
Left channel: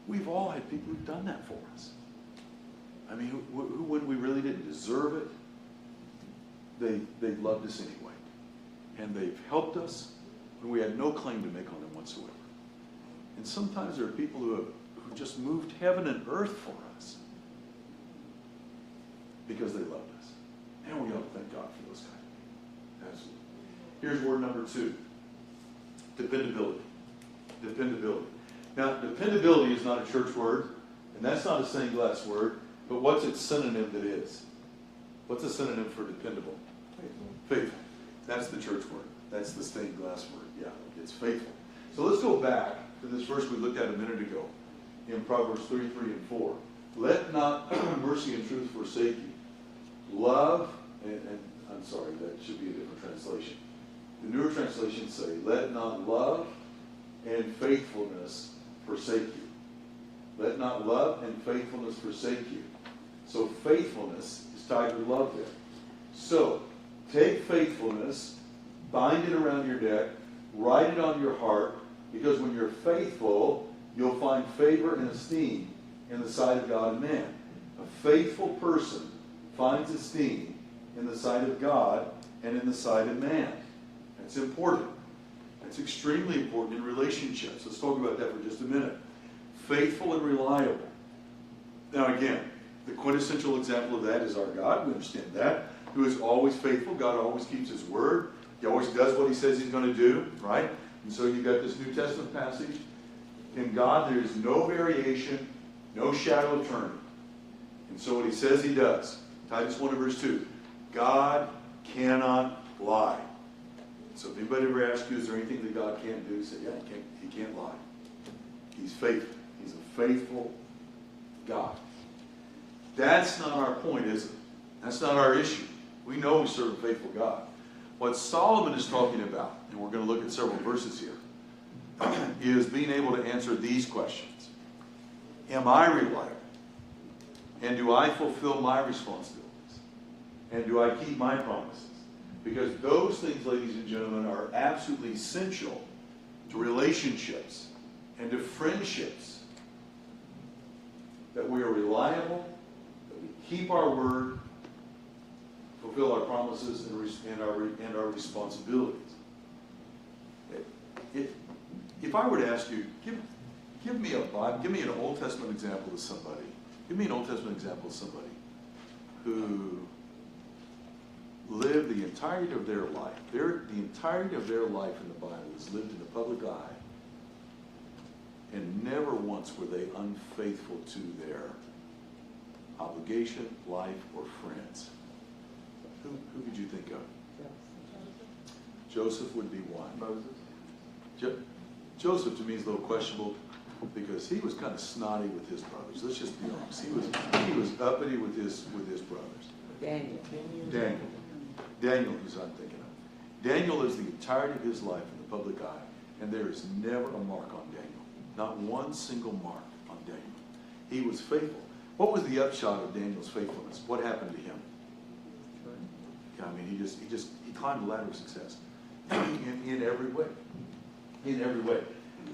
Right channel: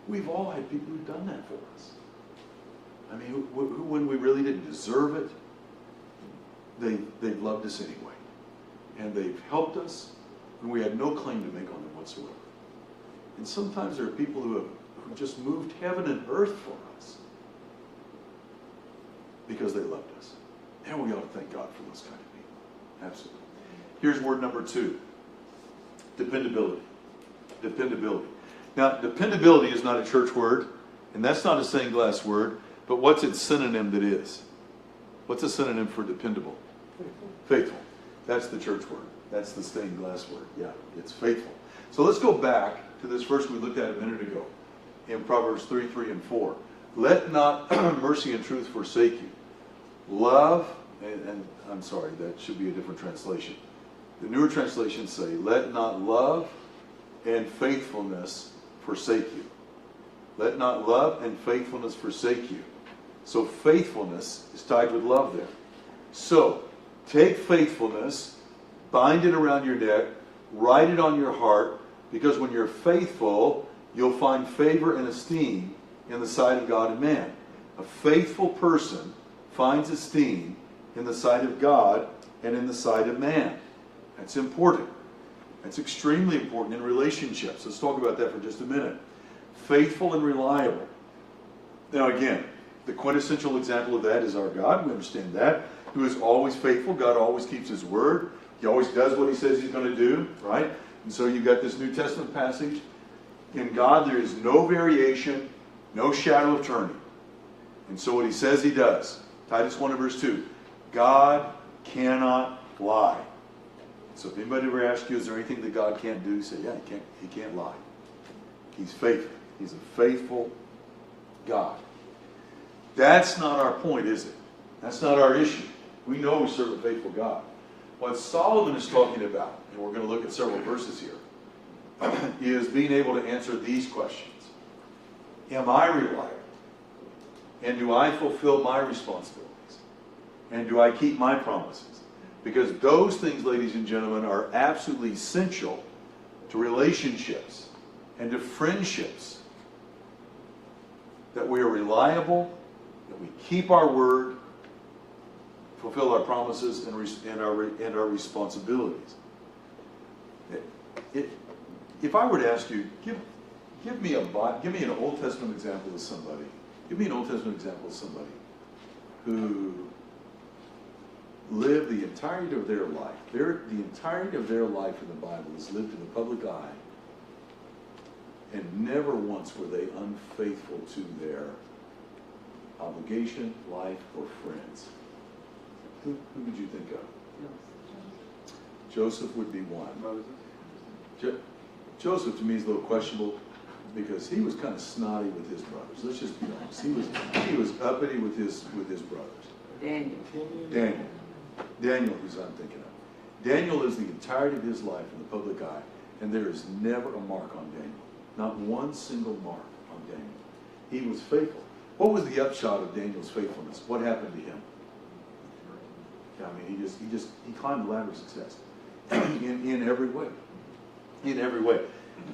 we've all had people who've done that for us. Who when we really didn't deserve it, they've loved us anyway. And they've helped us when we had no claim to make on them whatsoever. And sometimes there are people who just moved heaven and earth for us. because they loved us. And we ought to thank God for those kind of people. Absolutely. Here's word number 2. Dependability. Dependability. Now, dependability is not a church word, and that's not a stained glass word, but what's its synonym that is? What's a synonym for dependable? Faithful. That's the church word. That's the stained glass word. Yeah, it's faithful. So let's go back to this verse we looked at a minute ago in Proverbs 3, 3, and 4. Let not mercy and truth forsake you. Love, and I'm sorry, that should be a different translation. The newer translations say, let not love and faithfulness forsake you. Let not love and faithfulness forsake you. So faithfulness is tied with love there. So take faithfulness, bind it around your neck, write it on your heart, because when you're faithful, you'll find favor and esteem in the sight of God and man. A faithful person finds esteem in the sight of God and in the sight of man. That's important. That's extremely important in relationships. Let's talk about that for just a minute. Faithful and reliable. Now again, the quintessential example of that is our God. We understand that. Who is always faithful. God always keeps his word. He always does what he says he's going to do, right? And so you've got this New Testament passage. In God there is no variation, no shadow of turning. And so what he says he does. Titus 1 and verse 2. God cannot lie. So if anybody ever asks you, is there anything that God can't do? Say, yeah, he can't lie. He's faithful. He's a faithful God. That's not our point, is it? That's not our issue. We know we serve a faithful God. What Solomon is talking about, and we're going to look at several verses here, is being able to answer these questions. Am I reliable? And do I fulfill my responsibilities? And do I keep my promises? Because those things, ladies and gentlemen, are absolutely essential to relationships and to friendships. That we are reliable, that we keep our word, fulfill our promises and our responsibilities. If I were to ask you, give me an Old Testament example of somebody. Give me an Old Testament example of somebody who lived the entirety of their life. The entirety of their life in the Bible is lived in the public eye, and never once were they unfaithful to their obligation, life, or friends. Who could you think of? Joseph would be one. Joseph to me is a little questionable because he was kind of snotty with his brothers. Let's just be honest. He was uppity with his brothers. Daniel is what I'm thinking of. Daniel is the entirety of his life in the public eye, and there is never a mark on Daniel. Not one single mark on Daniel. He was faithful. What was the upshot of Daniel's faithfulness? What happened to him? I mean, he climbed the ladder of success in every way. In every way.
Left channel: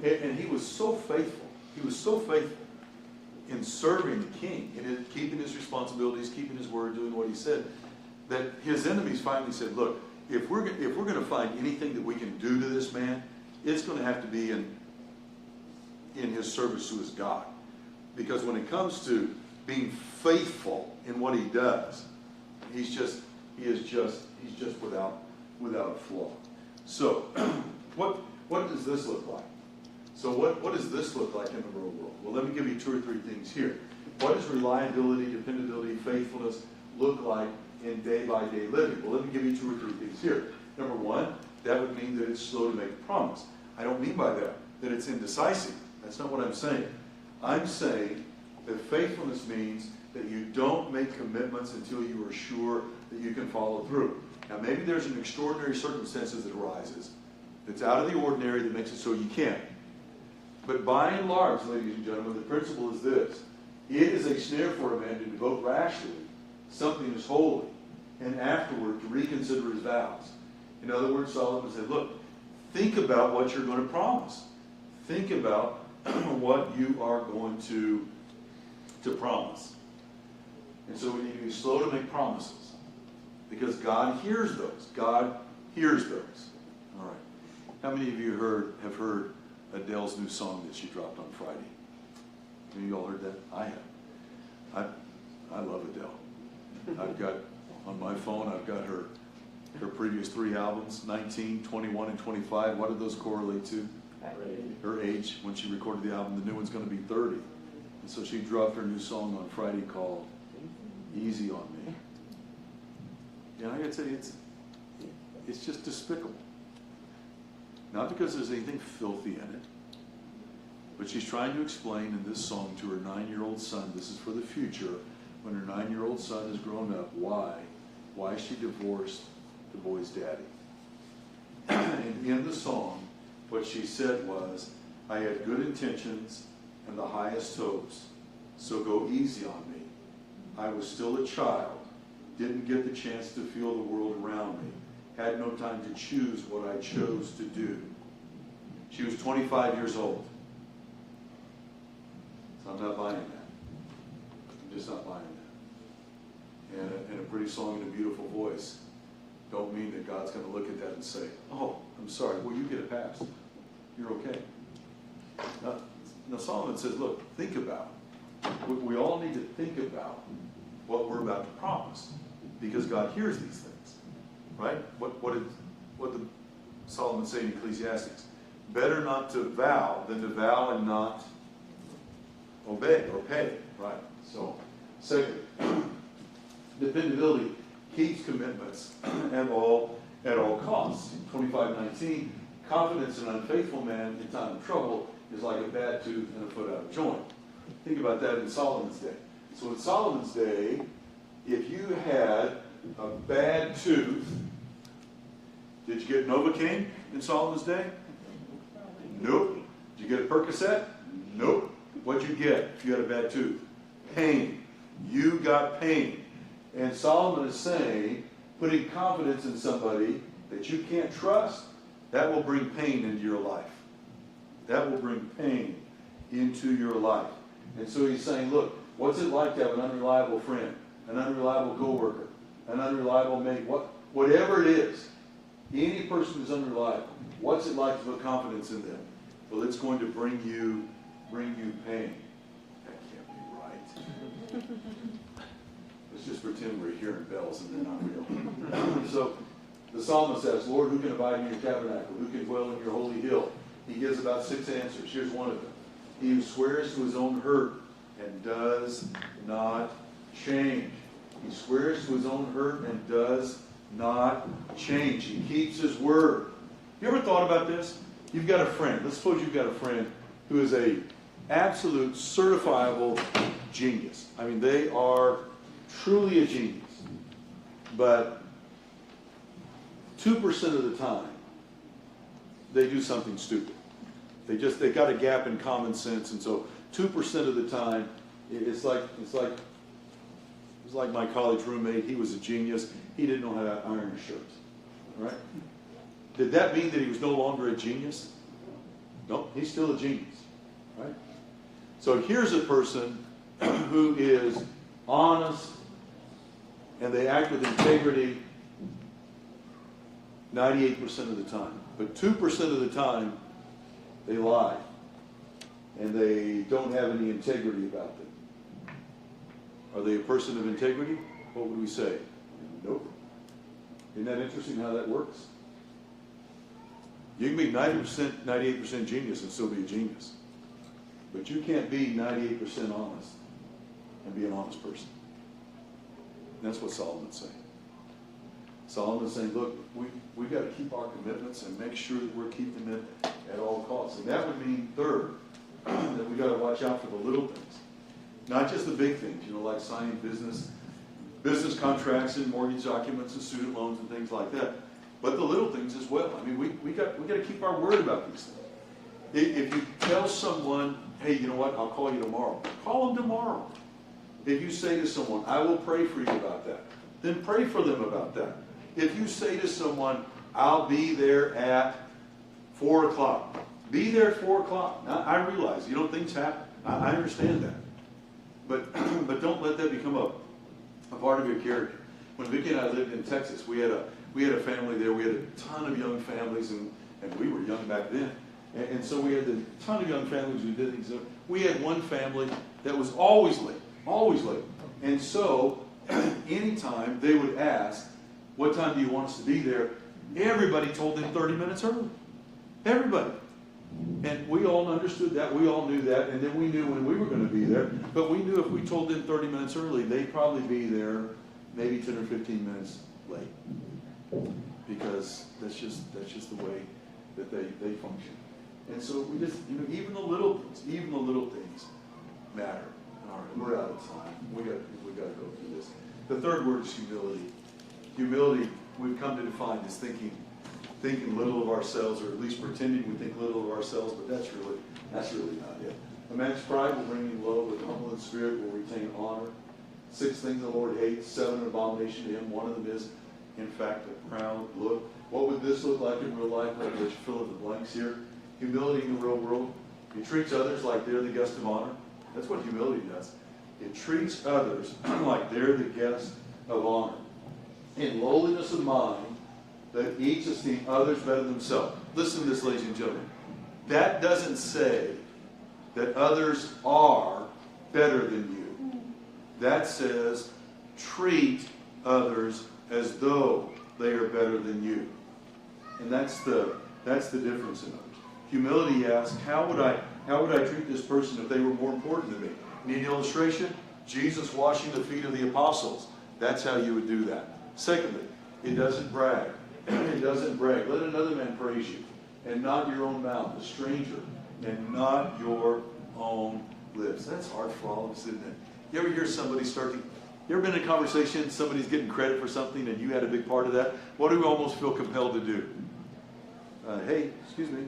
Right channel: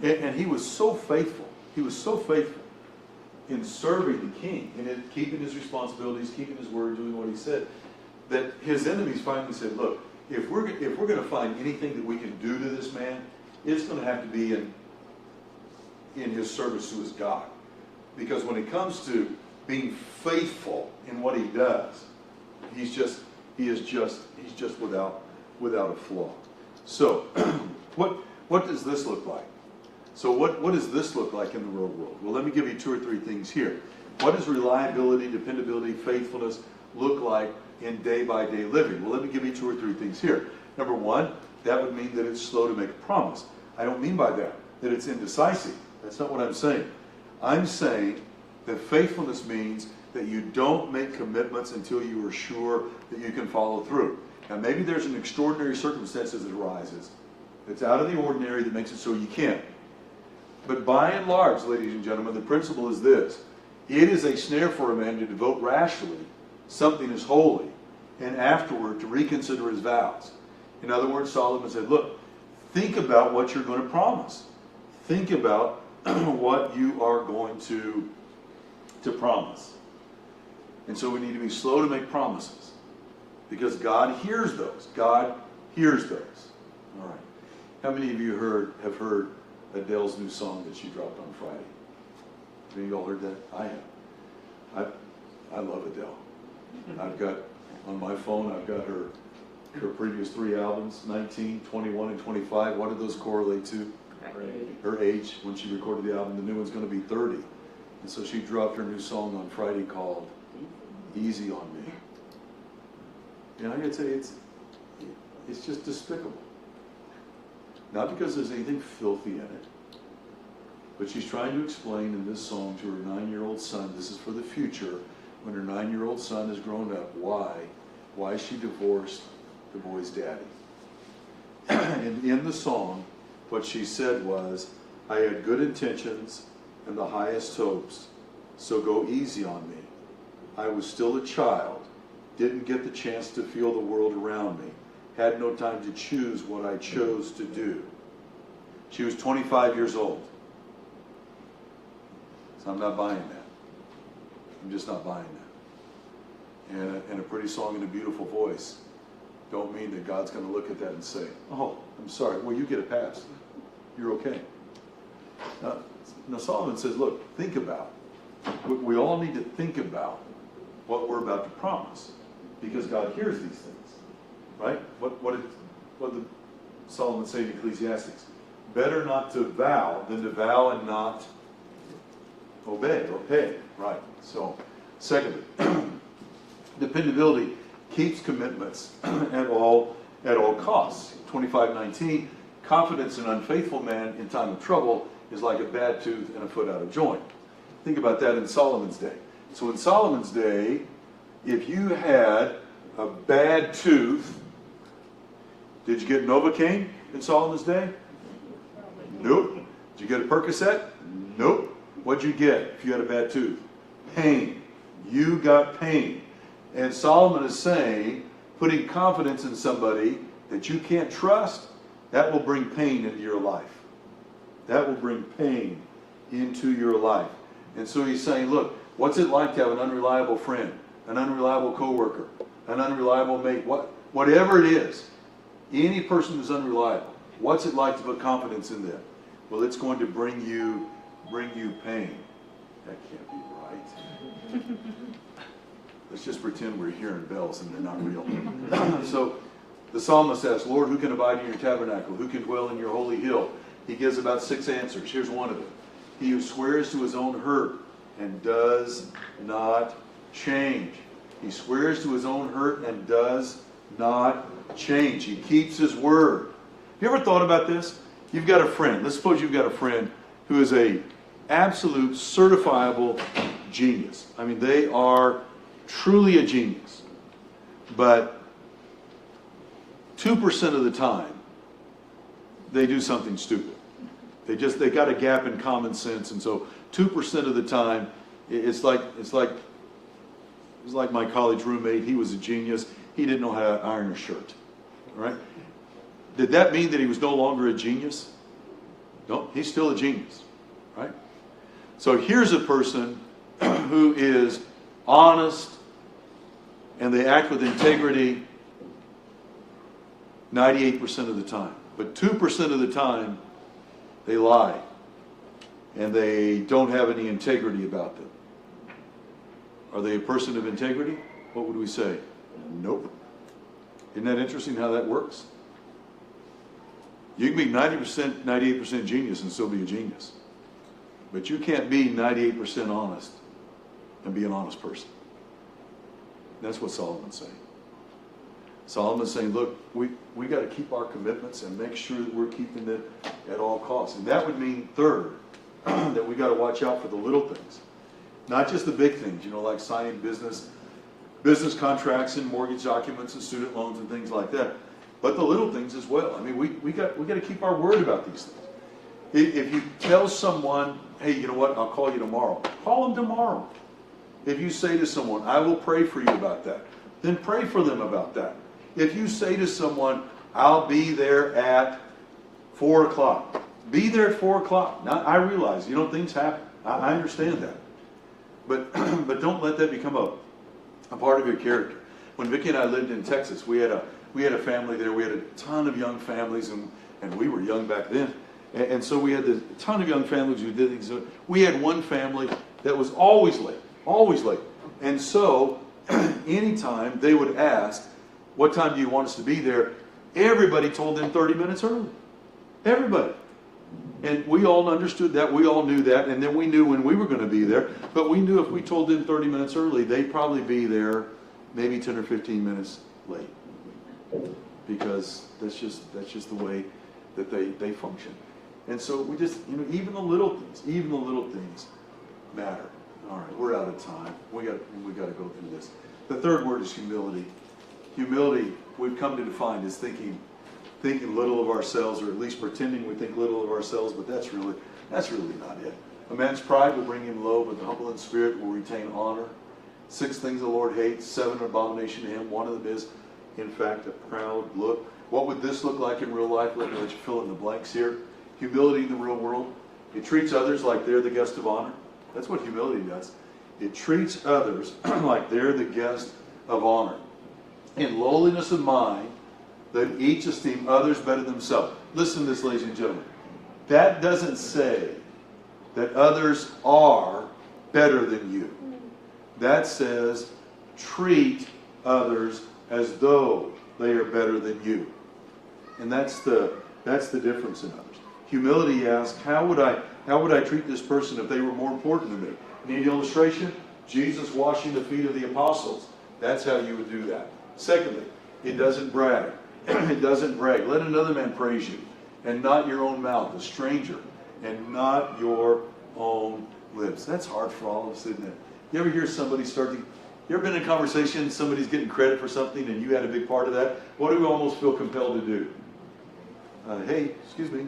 And he was so faithful. He was so faithful in serving the king and in keeping his responsibilities, keeping his word, doing what he said, that his enemies finally said, look, if we're going to find anything that we can do to this man, it's going to have to be in his service to his God. Because when it comes to being faithful in what he does, he's just without a flaw. So, what does this look like? So what does this look like in the real world? Well, let me give you 2 or 3 things here. What does reliability, dependability, faithfulness look like in day-by-day living? Well, let me give you 2 or 3 things here. Number 1, that would mean that it's slow to make a promise. I don't mean by that it's indecisive. That's not what I'm saying. I'm saying that faithfulness means that you don't make commitments until you are sure that you can follow through. Now, maybe there's an extraordinary circumstances that arises. It's out of the ordinary that makes it so you can't. But by and large, ladies and gentlemen, the principle is this. It is a snare for a man to devote rashly something is holy, and afterward to reconsider his vows. In other words, Solomon said, look, think about what you're going to promise. Think about what you are going to promise. And so we need to be slow to make promises, because God hears those. God hears those. All right. How many of you have heard Adele's new song that she dropped on Friday? Have you all heard that? I have. I love Adele. I've got, on my phone, I've got her previous 3 albums, 19, 21, and 25. What do those correlate to? Her age. When she recorded the album, the new one's going to be 30. And so she dropped her new song on Friday called Easy on Me. You know, it's just despicable. Not because there's anything filthy in it, but she's trying to explain in this song to her 9-year-old son, this is for the future, when her 9-year-old son is grown up, why she divorced the boy's daddy. And in the song, what she said was, I had good intentions and the highest hopes, so go easy on me. I was still a child, didn't get the chance to feel the world around me, had no time to choose what I chose to do. She was 25 years old. So I'm not buying that. I'm just not buying that. And a pretty song and a beautiful voice don't mean that God's going to look at that and say, oh, I'm sorry, well, you get a pass. You're okay. Now Solomon says, look, think about. We all need to think about what we're about to promise, because God hears these things, right? What did Solomon say in Ecclesiastes? Better not to vow than to vow and not obey or pay, right? So, secondly, dependability keeps commitments at all costs. 25:19, confidence in an unfaithful man in time of trouble is like a bad tooth and a foot out of joint. Think about that in Solomon's day. So in Solomon's day, if you had a bad tooth, did you get Novocaine in Solomon's day? Nope. Did you get a Percocet? Nope. What'd you get if you had a bad tooth? Pain. You got pain. And Solomon is saying, putting confidence in somebody that you can't trust, that will bring pain into your life. That will bring pain into your life. And so he's saying, look, what's it like to have an unreliable friend, an unreliable coworker, an unreliable mate, whatever it is, any person who's unreliable, what's it like to put confidence in them? Well, it's going to bring you pain. That can't be right. Let's just pretend we're hearing bells and they're not real. So the psalmist asks, Lord, who can abide in your tabernacle? Who can dwell in your holy hill? He gives about 6 answers. Here's one of them. He who swears to his own hurt and does not change. He swears to his own hurt and does not change. He keeps his word. You ever thought about this? You've got a friend. Let's suppose you've got a friend who is a absolute certifiable genius. I mean, they are truly a genius. But 2% of the time, they do something stupid. They got a gap in common sense, and so 2% of the time, it's like my college roommate. He was a genius. He didn't know how to iron a shirt. Right? Did that mean that he was no longer a genius? No, he's still a genius. Right? So here's a person who is honest and they act with integrity 98% of the time. But 2% of the time, they lie. And they don't have any integrity about them. Are they a person of integrity? What would we say? Nope. Isn't that interesting how that works? You can be 90%, 98% genius and still be a genius. But you can't be 98% honest and be an honest person. And that's what Solomon's saying. Solomon's saying, look, we got to keep our commitments and make sure that we're keeping them at all costs. And that would mean, third, that we got to watch out for the little things. Not just the big things, like signing business contracts and mortgage documents and student loans and things like that. But the little things as well. I mean, we got to keep our word about these things. If you tell someone, hey, you know what, I'll call you tomorrow. Call them tomorrow. If you say to someone, I will pray for you about that, then pray for them about that. If you say to someone, I'll be there at 4 o'clock, be there at 4 o'clock. Now, I realize, things happen. I understand that. But don't let that become a part of your character. When Vicki and I lived in Texas, we had a family there. We had a ton of young families, and we were young back then. And so we had a ton of young families who did things. We had one family that was always late. And so anytime they would ask, what time do you want us to be there? Everybody told them 30 minutes early. Everybody. And we all understood that. We all knew that. And then we knew when we were going to be there. But we knew if we told them 30 minutes early, they'd probably be there maybe 10 or 15 minutes late. Because that's just the way that they function. And so we just, even the little things matter. All right, we're out of time. We got to go through this. The third word is humility. Humility, we've come to define as thinking little of ourselves, or at least pretending we think little of ourselves, but that's really not it. A man's pride will bring him low, but the humble in spirit will retain honor. 6 things the Lord hates, 7 an abomination to him. One of them is, in fact, a proud look. What would this look like in real life? Let me let you fill in the blanks here. Humility in the real world. It treats others like they're the guest of honor. That's what humility does. It treats others like they're the guest of honor. In lowliness of mind, that each esteem others better than themselves. Listen to this, ladies and gentlemen. That doesn't say that others are better than you. That says treat others as though they are better than you. And that's the difference in others. Humility asks, how would I treat this person if they were more important to me? Need an illustration? Jesus washing the feet of the apostles. That's how you would do that. Secondly, it doesn't brag. It doesn't brag. Let another man praise you, and not your own mouth, a stranger, and not your own lips. That's hard for all of us, isn't it? You ever hear somebody you ever been in a conversation, somebody's getting credit for something, and you had a big part of that? What do we almost feel compelled to do? Hey, excuse me.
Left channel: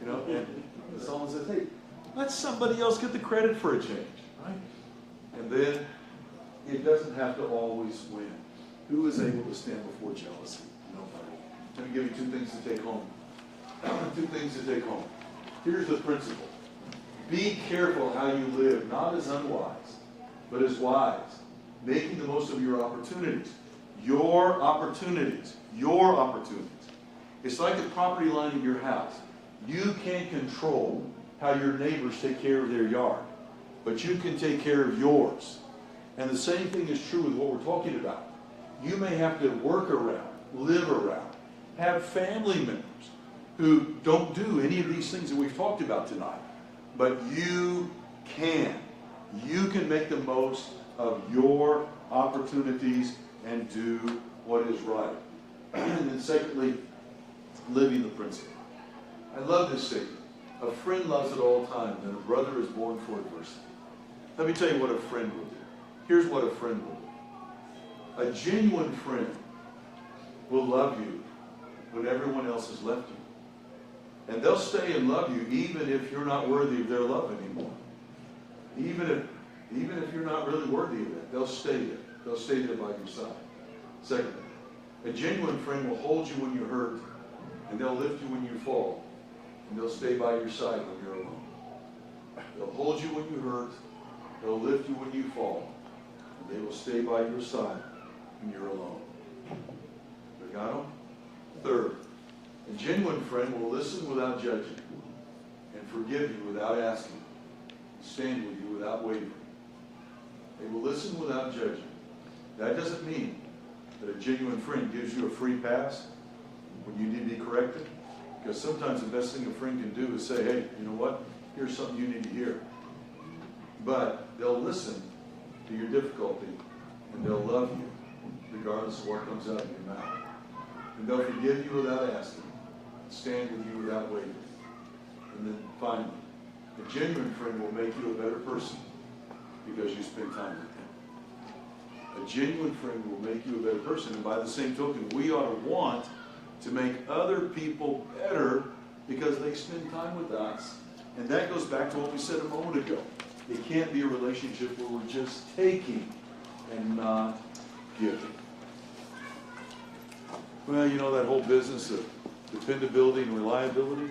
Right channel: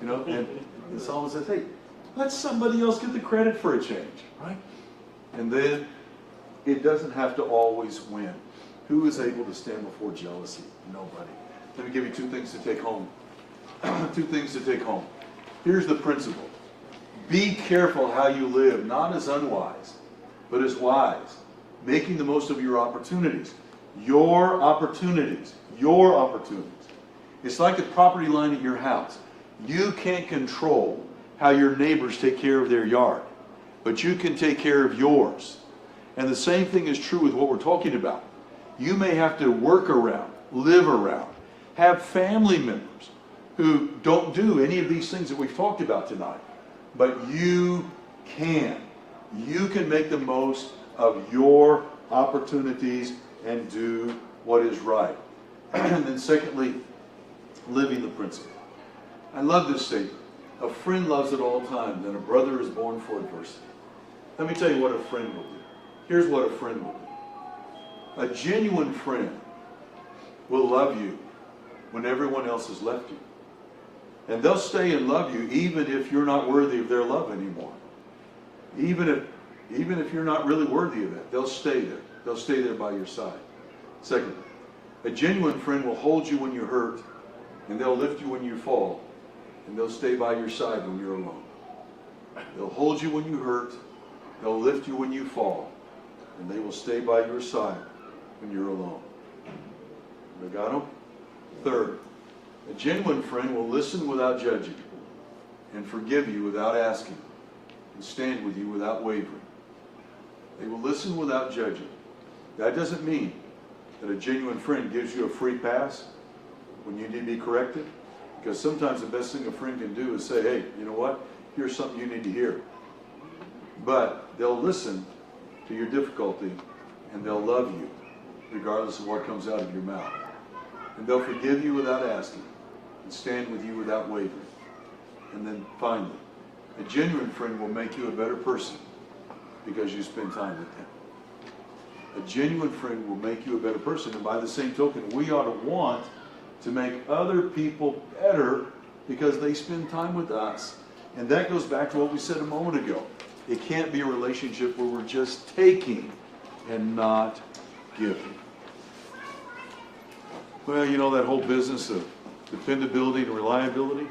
And someone says, hey, let somebody else get the credit for a change, right? And then it doesn't have to always win. Who is able to stand before jealousy? Nobody. Let me give you 2 things to take home. 2 things to take home. Here's the principle. Be careful how you live, not as unwise, but as wise, making the most of your opportunities. Your opportunities. Your opportunities. It's like the property line in your house. You can't control how your neighbors take care of their yard, but you can take care of yours. And the same thing is true with what we're talking about. You may have to work around, live around, have family members who don't do any of these things that we've talked about tonight. But you can. You can make the most of your opportunities and do what is right. And then secondly, living the principle. I love this statement. A friend loves at all times, and a brother is born for adversity. Let me tell you what a friend will do. Here's what a friend will do. A genuine friend will love you when everyone else has left you. And they'll stay and love you even if you're not worthy of their love anymore. Even if you're not really worthy of it, they'll stay there. They'll stay there by your side. Second, a genuine friend will hold you when you're hurt, and they'll lift you when you fall, and they'll stay by your side when you're alone. They'll hold you when you hurt, they'll lift you when you fall, and they will stay by your side when you're alone. We got them? Third, a genuine friend will listen without judging, and forgive you without asking, and stand with you without wavering. They will listen without judging. That doesn't mean that a genuine friend gives you a free pass when you need to be corrected. Because sometimes the best thing a friend can do is say, hey, you know what? Here's something you need to hear. But they'll listen to your difficulty, and they'll love you regardless of what comes out of your mouth. And they'll forgive you without asking, and stand with you without wavering. And then finally, a genuine friend will make you a better person because you spend time with them. A genuine friend will make you a better person. And by the same token, we ought to want to make other people better because they spend time with us. And that goes back to what we said a moment ago. It can't be a relationship where we're just taking and not giving. Well, you know that whole business of dependability and reliability?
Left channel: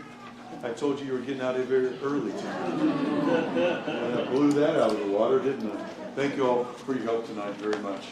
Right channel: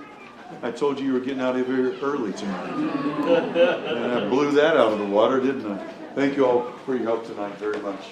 I told you were getting out of here early tonight. And I blew that out of the water, didn't I? Thank you all for your help tonight very much.